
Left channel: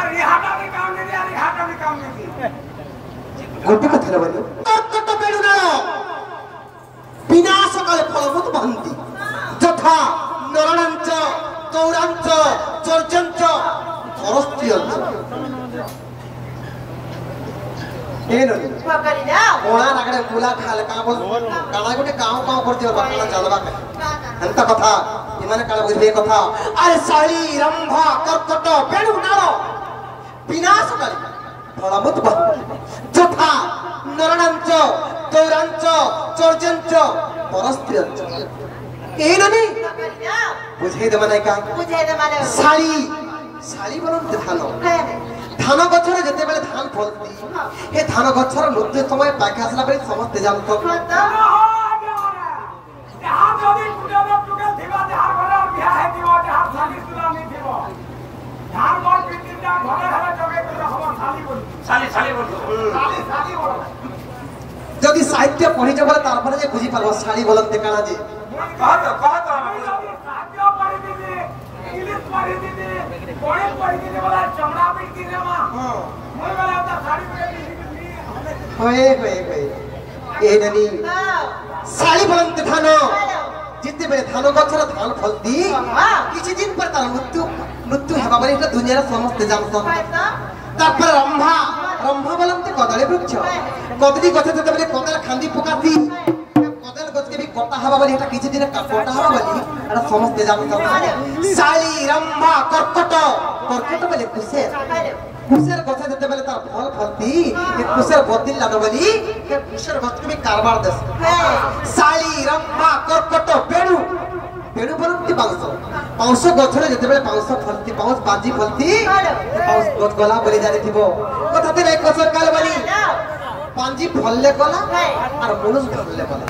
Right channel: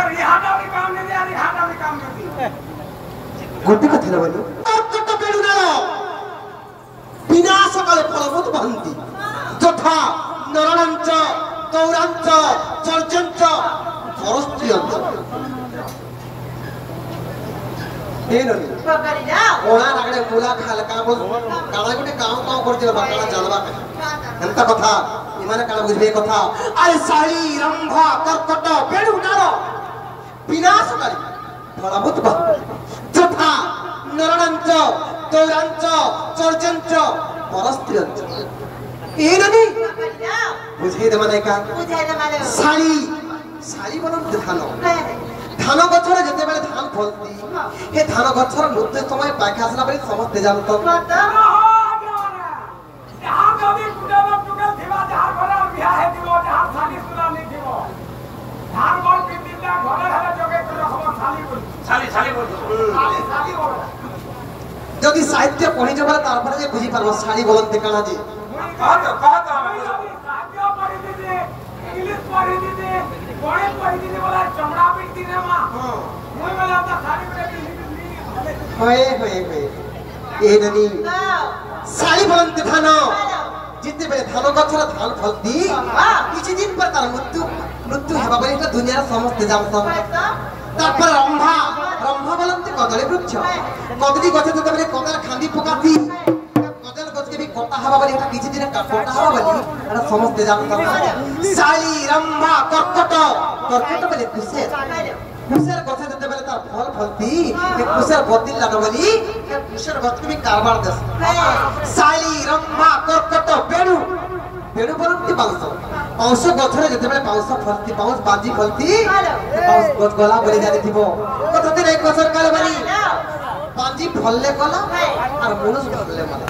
अरे हाथ अगले काम नहीं दे अरे हाथ अगले काम नहीं दे गोटे कथला बोलो कट पेडु ना विनाश काले फलबोध बहंती যথা নরণঞ্চ তৌরাঞ্চ চর্যঞ্চ পরস্ত্রিয়ঞ্চ ಏನದು ಪಕರಿನಾ ಓಣಾ ನಗಡೆ ಮೂಲ ಖಾಲ ಕಾಬು ಕಾಳಗಡೆ ಕಾವು ಕಾವು ಕೊಡ್ತೀವ ಬಾಕಳ ಜಲಬಾಕ ಅಂತ ಕಥಾ ಇಮನ ಕಾಳ বুঝবে কথা আরে শাড়ি রম্ভা কর্কট বেড়ু নার বিনাশ করে ফলবুত যথা নরণঞ্চ তৌরাঞ্চ চর্যঞ্চ পরস্ত্রিয়ঞ্চ ಏನದು বুঝিয়ে দে মানে কা বুঝাই দে মানে শাড়ি শাড়ি বলতে ধানো ধান গছরে যেতেবেলে ধান ফলতি এ ধান গছর মধ্যে সময় পাখি আসলা বলে সমস্তে জানত যদি সাহিত্য পড়ি যাবে তারপরে যে বুঝি পারবো শাড়ি বলতে কানা যে শাড়ি বলতে ধান যেতেবেলে ধান গছর ধান ফলতি কিছু দিন পর তার মৃত্যু হেবা বলে এটা দুনিয়ার সমস্তে জানত তারপরে রম্ভা রম্ভা বলতে কদলী বৃক্ষ কদলী গছে যেতেবেলে কদাল খান্দি পকাতি কদাল গছকে বি কটা হবা বলে এটা কিছু দিন কটা হবা বলে এটা সমস্তে জানত শাড়ি রম্ভা কর্কট কর্কট বলে কুশের কুশের গছে যেতেবেলে তার ফল ফলতি এ কুশের বদিল লানো বলি এ কুশের গছকে বি কারবার দেশ শাড়ি রম্ভা কর্কট বেড়ু বেড়ু বলতে বাউঁশ বাউঁশ গছরে যেতেবেলে বাউঁশ ফলতি বাউঁশ বাজি ফলতি বাউঁশ গছ গলা বলে জানিথিব কথাতে নাই কছর কালে বলি বাজি ফললে গলা আর মনুষ ফললে গলা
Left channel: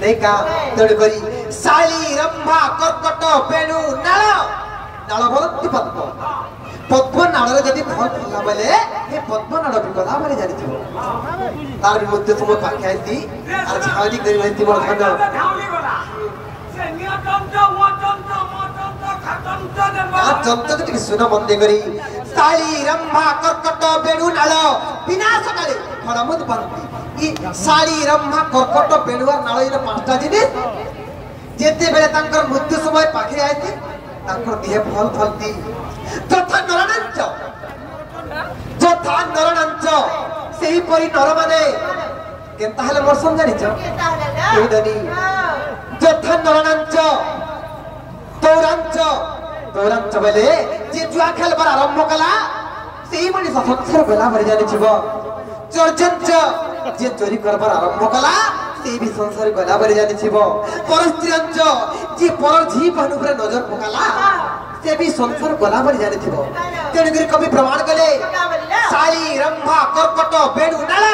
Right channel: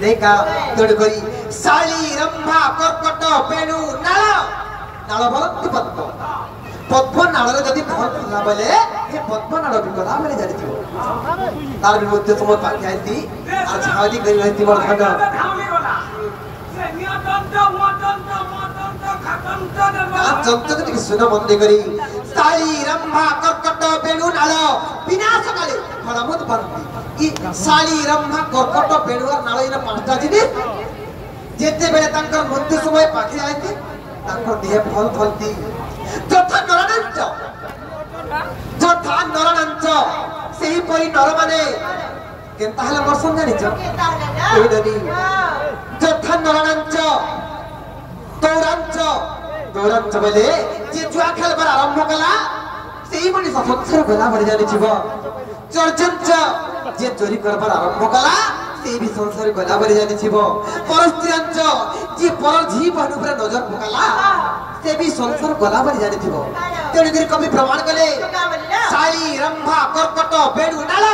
নেই কা তোড় করি শাড়ি রম্ভা কর্কট বেড়ু নাল নাল বলতি পদ্ম পদ্ম নাড়রে যদি ফল ফলা বলে এই পদ্ম নাড় বি গলা বলে জানিথিব তার বিরুদ্ধে সময় পাখি আইতি আর ঝাড়ি করে রইতি বল ভাগ যন্ত্র থেকে শুনো মন্দে করি শাড়ি রম্ভা কর্কট বেড়ু নাল বিনাশ কালে ফলমুদ বন্তি ই শাড়ি রম্ভা কর্কট বেড়ু আর নাল এর পাঁচটা জিনিস যেতেবেলে তাঙ্কর মৃত্যু সময় পাখি আইতে তাঙ্কর দেহে ফল ফলতি যথা নরনাঞ্চ সেহিপরি নরমানে কেনতা হেলে মোর সমঝানিছ এই দানি যথা নরনাঞ্চ দৌরাঞ্চ বলে যে জুয়া খেলবার আরম্ভ কলা সেই মনিষ সংসার গলা ভরে জানিছিব চর্চঞ্চ যে চোরি করবার আরম্ভ কলা সেই বি সংসার গলা ভরে জানিছিব পরস্ত্রীঞ্চ যে পর ঝি বহন উপরে নজর পকালা সে বি সংসার গলা ভরে জানিছিব তেণুকরি কবি প্রমাণ কলে শাড়ি রম্ভা কর্কট বেড়ু নাল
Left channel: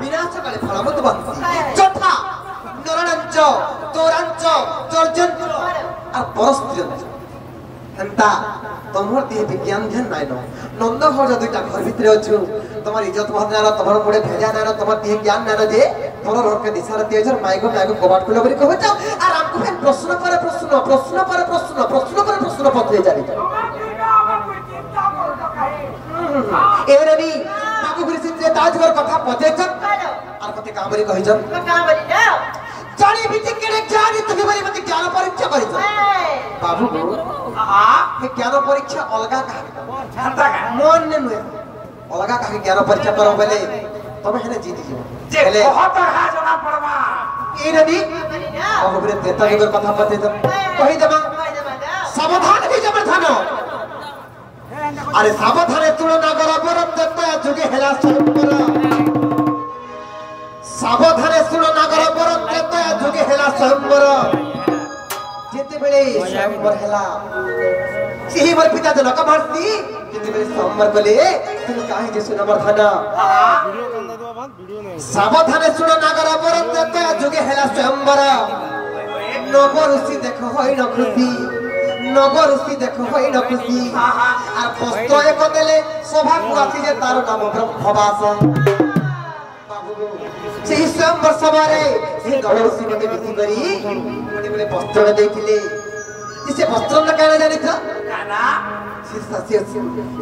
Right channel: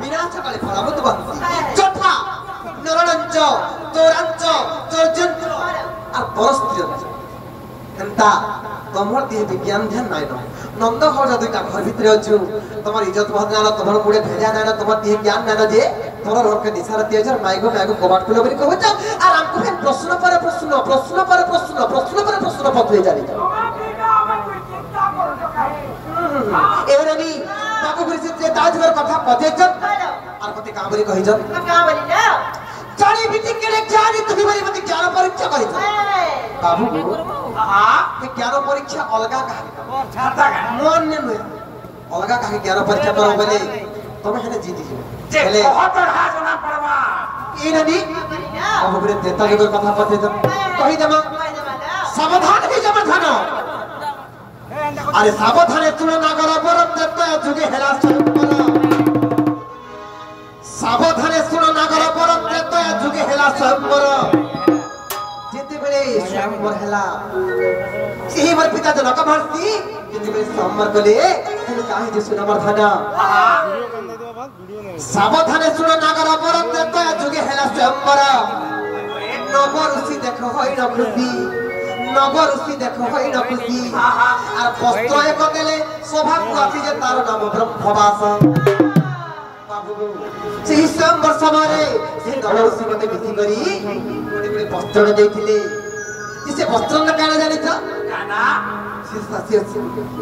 বিনাশ কালে ফলমুদ বন্তি যথা নরনাঞ্চ দৌরাঞ্চ চর্চঞ্চ আর পরস্ত্রীঞ্চ এন্তা তোমার দিয়ে বিজ্ঞান ধ্যান নাই নন্দ ঘর দুইটা ঘর ভিতরে অছু তোমার ইজ্জত বহন না তোমার মুড়ে ভেজা নাই তোমার দিয়ে জ্ঞান নাই যে তোমার ঘরকে দিশার দিয়েছ মাইগো কবাট খুলে বলি কহছ আর আমকু ফেন প্রশ্ন পরে প্রশ্ন প্রশ্ন পরে প্রশ্ন প্রশ্ন পরে প্রশ্ন পত্রে জানি এবারে বি বাবু গুরিছে যে তাজবের কথা পতেছ আর কতে কাবরি কহিছ জানি বিটি কেড়ে জানি তুমি বলি মতে জ্ঞান পরীক্ষা করিছ বাবু জ্ঞান পরীক্ষা অলগা মন নুহে অলগা কাকে জ্ঞান পরীক্ষা করো বলে তুমি হেনে জিতি যাও বলে এই নদী বাবু গুরে তেতালের কথা পতেছ কহি দেবা সাবধান হই যাবে ধান আরে সাবধানে তুলনা করা পরম দত্ত যুগে হেলা স্বয়ম্বর সাবধানে তুলনা করা পরম দত্ত যুগে হেলা স্বয়ম্বর যেতেবেলে স্বয়ম্বর হেলা সেই বল পিতা জনক ভারতী যেতেবেলে স্বয়ম্বর কলে তুমি কাহি যে সুনামর ধান সাবধানে তুলনা করা পরম দত্ত যুগে হেলা স্বয়ম্বর নবরুষি দেখো হই না খুশি নবরুষি দেখো হই না খুশি আর বস্ত্র এক দেলে স্বভাব আছে যে তার নাম ব্রহ্মবাস সেই স্বয়ম্বর সভারে সেই নবরুষি মতে বিধি করি গোটে গোটে বস্ত্র ଦେଇଥିଲେ সে বস্ত্র না কেন জানিছ না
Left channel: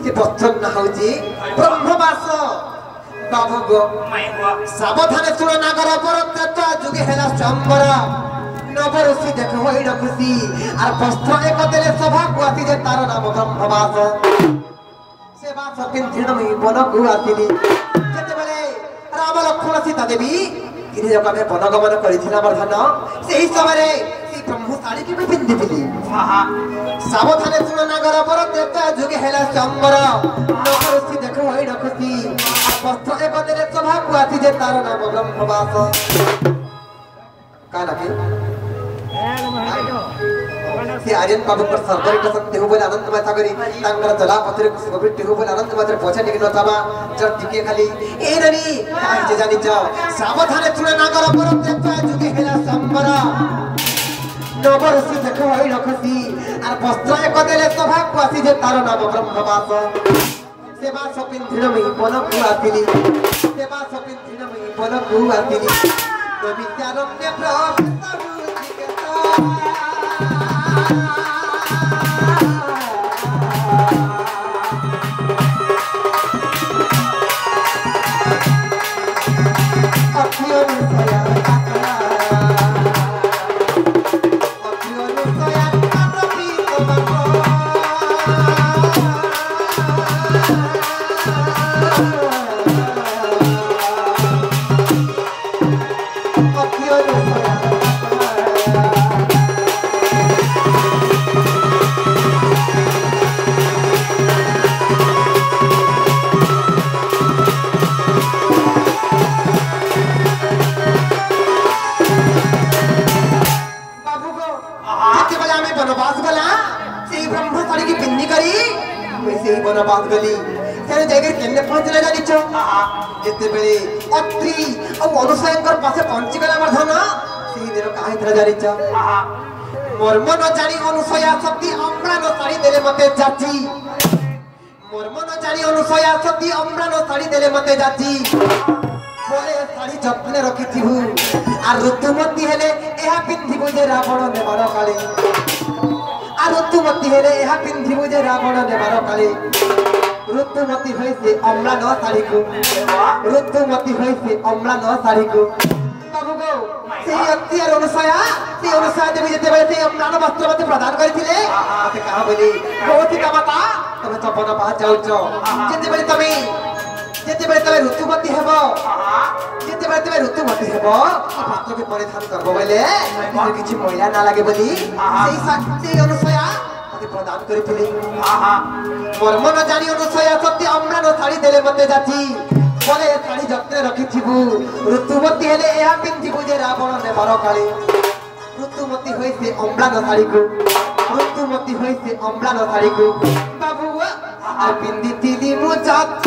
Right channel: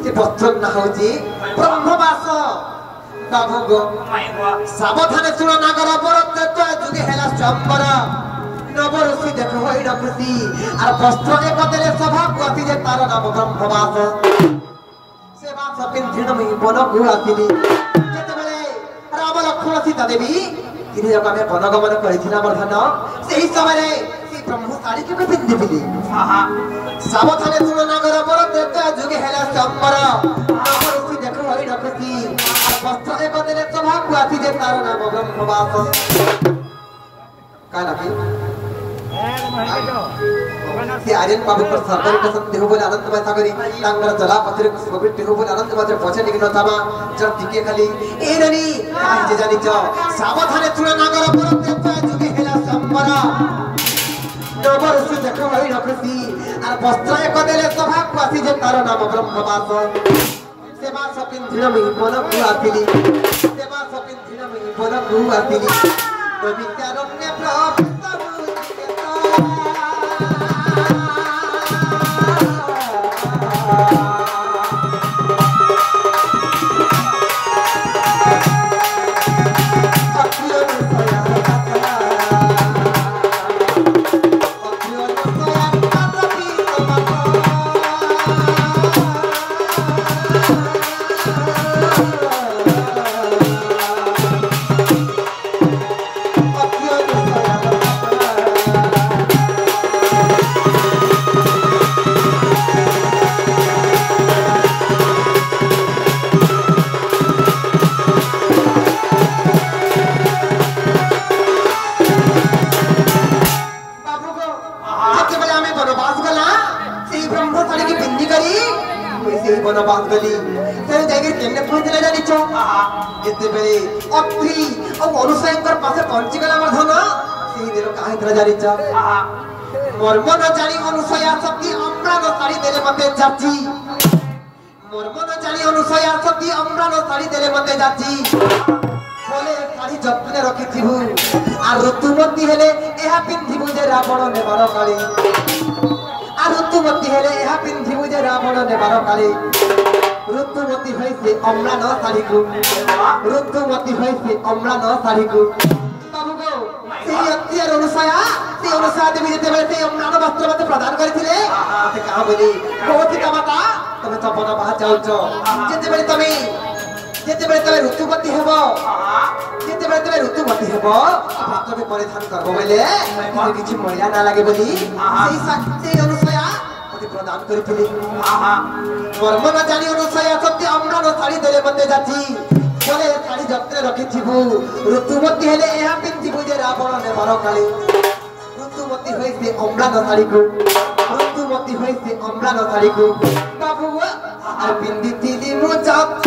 সে বস্ত্র না হଉଛି ব্রহ্মবাস বাবু গো সাবধানে শুଣ নাগର ପରତ୍ତ ଯୁଗେ ହେଲା ସ୍ୱୟଂବର নবরুষি দেখো হই না খুশি আর বস্ত্র এক দেলে স্বভাব আছে যে তার নাম ব্রহ্মবাস সে বাস পিন্ধিন মই বনকু আসিলি যেতেবেলে রাম লক্ষ্মণ সীতা দেবী তিনি যখন আমি বনগমন করেছিলাম বর্ধন সেই সময়ে সেই ব্রহ্ম শাড়ি কেবে পিন্ধিলি সাবধানে শুণ নাগর পরত্ত যুগে হেলা স্বয়ম্বর নবরুষি দেখো হই না খুশি বস্ত্র এক দেলে স্বভাব আছে যে তার নাম ব্রহ্মবাস কায় নাকি से आर्यन बाबू पर सरदारी का सब देहु बोले अनंत में था करी तांगर जला पत्रे गोविंद देहु बोले अनंत में पहुंचे निकल न थामा जब टिके खाली ए ननी काहे जे जानी जाओ सावधाने तुले नागर पर देखा जुगे हेला संबरा नबर से देखो होई रखसी और वस्त्र एक देले सभा को जे तार नाम ब्रह्मवास सेवा सपिन धिरमि बनकु आतिली सेवा सपिन धिरमि बनकु आतिली तो विचारण्य प्रोफेसर बनवास गली से जागर केने पहुंचले जानि छ केते बेले अत्री और अनुसयंकर पासे पहुंची गला हमर धन सेही देर काहे तर जानि छ मर्म न जानि अनुसया शक्ति अम्रा न साड़ी देले मते जाची मर्म न जानि अनुसया शक्ति अम्रा न साड़ी देले मते जाची बोले साड़ी जत्ने रखिथिबु आ ऋतुमती हेले एहा पिंधिबु जे रावण नेबार काली ऋतुमती हेले यह पिंधिबु जे रावण नेबार काली ऋतुमती होइसे अम्ला न साड़ी को ऋतुमती होइसे अम्ला न साड़ी को बाबू गो से अत्यार अनुसया देवी जेते बेले से अम्ला न वस्त्र मते प्रदान करिथिले मते कहा बोली भगवती माता तमे तो बन बाहा जाउछो जेते बेले तमे ऋतुमती हेबो जेते बेले तमे ऋतुमती हेबो पात्र के परिधान करबो बेले किछि महिला ना लागे बोली सेही अनुसया मते प्रदान करिथिले मर्म न जानि अनुसया सत्य अम्रा न साड़ी देले मते जाची बोले साड़ी जत्ने रखिथिबु ऋतुमती हेले एहा पिंधिबु जे रावण नेबार काली ऋतुमती होइसे अम्रा न साड़ी को ऋतुमती होइसे अम्रा न साड़ी को बाबू आ पिंधिथिली मु जात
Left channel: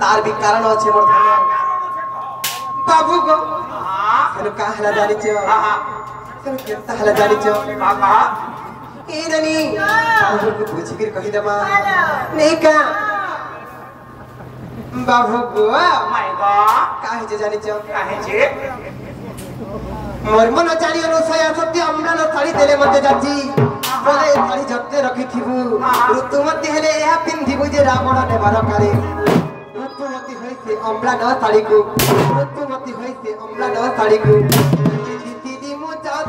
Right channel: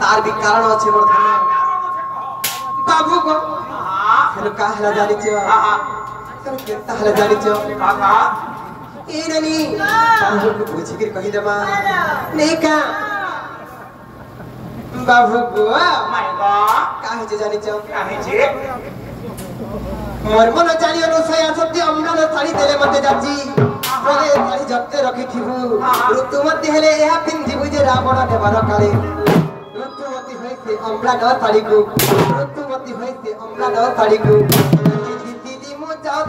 तार भी कारण अछि मोर बाबू को हेलो का हला जानि छ हेलो केता हला जानि छ काका ए ननी बाबू को पूछि के कहि देमा नहीं का बाबू को माय गॉड काहे जे जानि छ काहे जे मर्म न जानि अनुसया सत्य अम्रा न साड़ी देले मते जाची बोले साड़ी जत्ते रखिथिबु ऋतुमती हेले एहा पिंधिबु जे रावण नेबार काली ऋतुमती होइसे अम्ला न साड़ी को ऋतुमती होइसे अम्ला न साड़ी को दीदी मु जात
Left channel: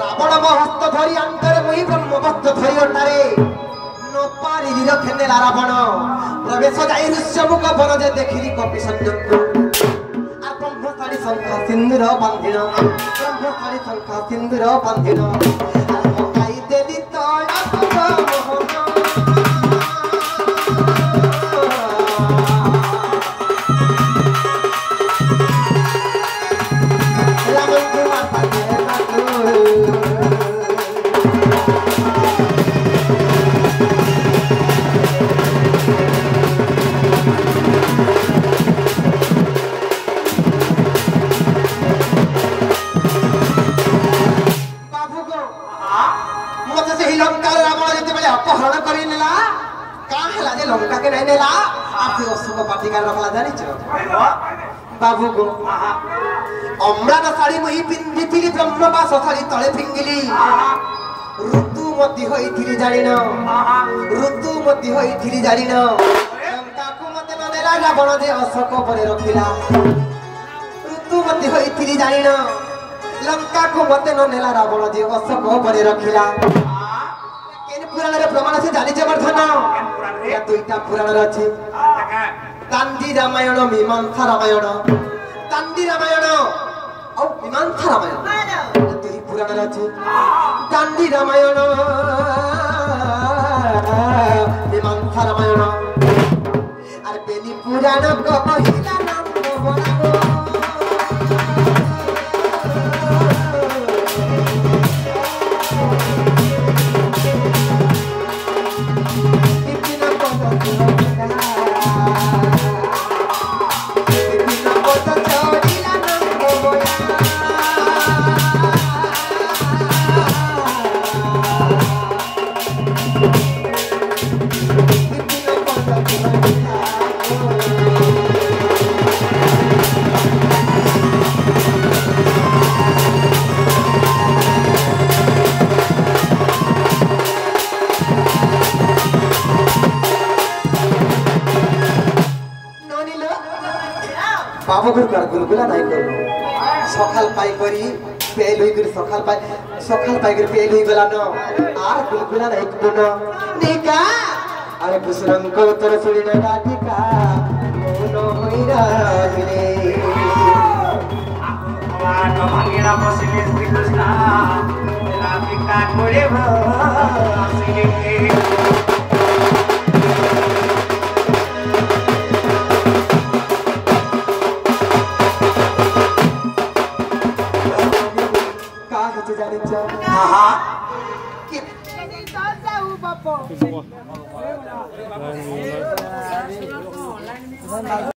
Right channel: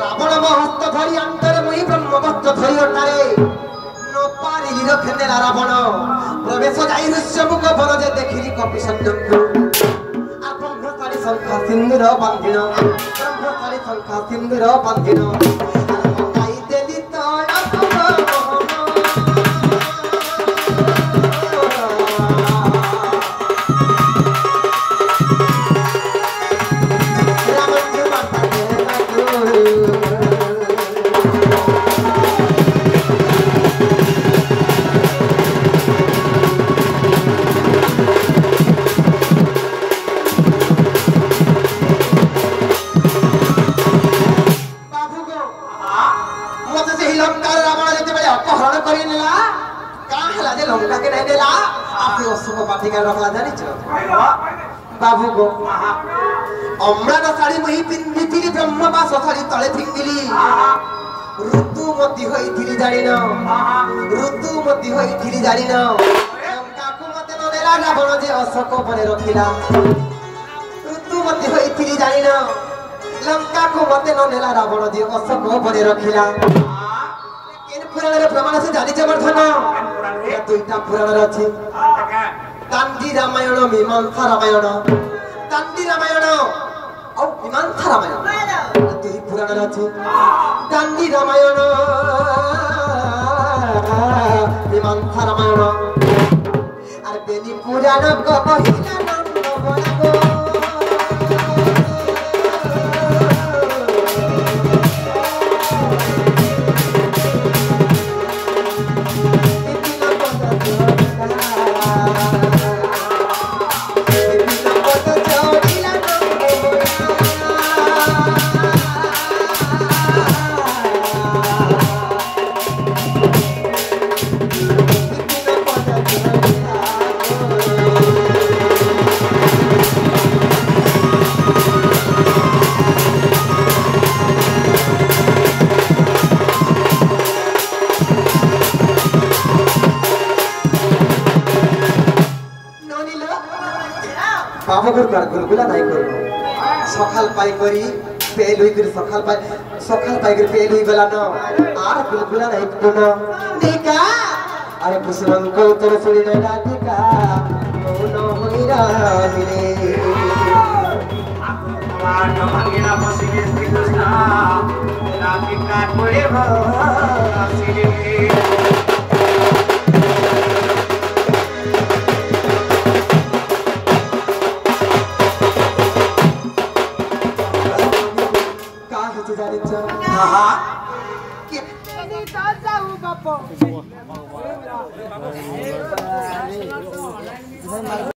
रावण महस्त धरी अंतरे मुहि ब्रह्मवत्त धरी ओटारे তীর ফেলে রাবণ প্রবেশ যাই ঋষ্যমুখ বন যে দেখিলি কপি সঞ্জমକୁ আর ব্রহ্মচারী শঙ্খা সিন্দুর বান্ধিন ব্রহ্মচারী শঙ্খা সিন্দুর বান্ধিন পকাই দেলি बाबू गो अमृत साड़ी मुही पिंधिली ब्रह्मवास साड़ी तले फिंगिली ऋतु मती होइथिली जानिन ऋतु मती होइथिली जानिन लंकाकु मते नदेला रावण जे अशोक परे रखिला ऋतु मती होइथिली जानिन लंकाकु मते नदेला रावण जे अशोक परे रखिला केन पुराण रे प्रमाण से जानि जबरधन या दुईटा पुराण रे अछि कांदी रामायण मीमांसा रामायण कांदी रामायण और मीमांसा रामायण तो ही पुराण अछि कांदी रामायण मीमांसा रामायण अरे बेनी पुराण को पहिला नंद बनागो बाबू कर गुलगुला नहीं कर सकाल पाई करी पेल हुई कर सकाल पाई कर पेल हुई गला न आर गुलगुला नहीं कर निका अरे पुष्पन को तेरे सुनी न डाटिका मोनो होई रहले आनो भागीना बसिके श्री कृष्ण डाटिका करे बसिले बापो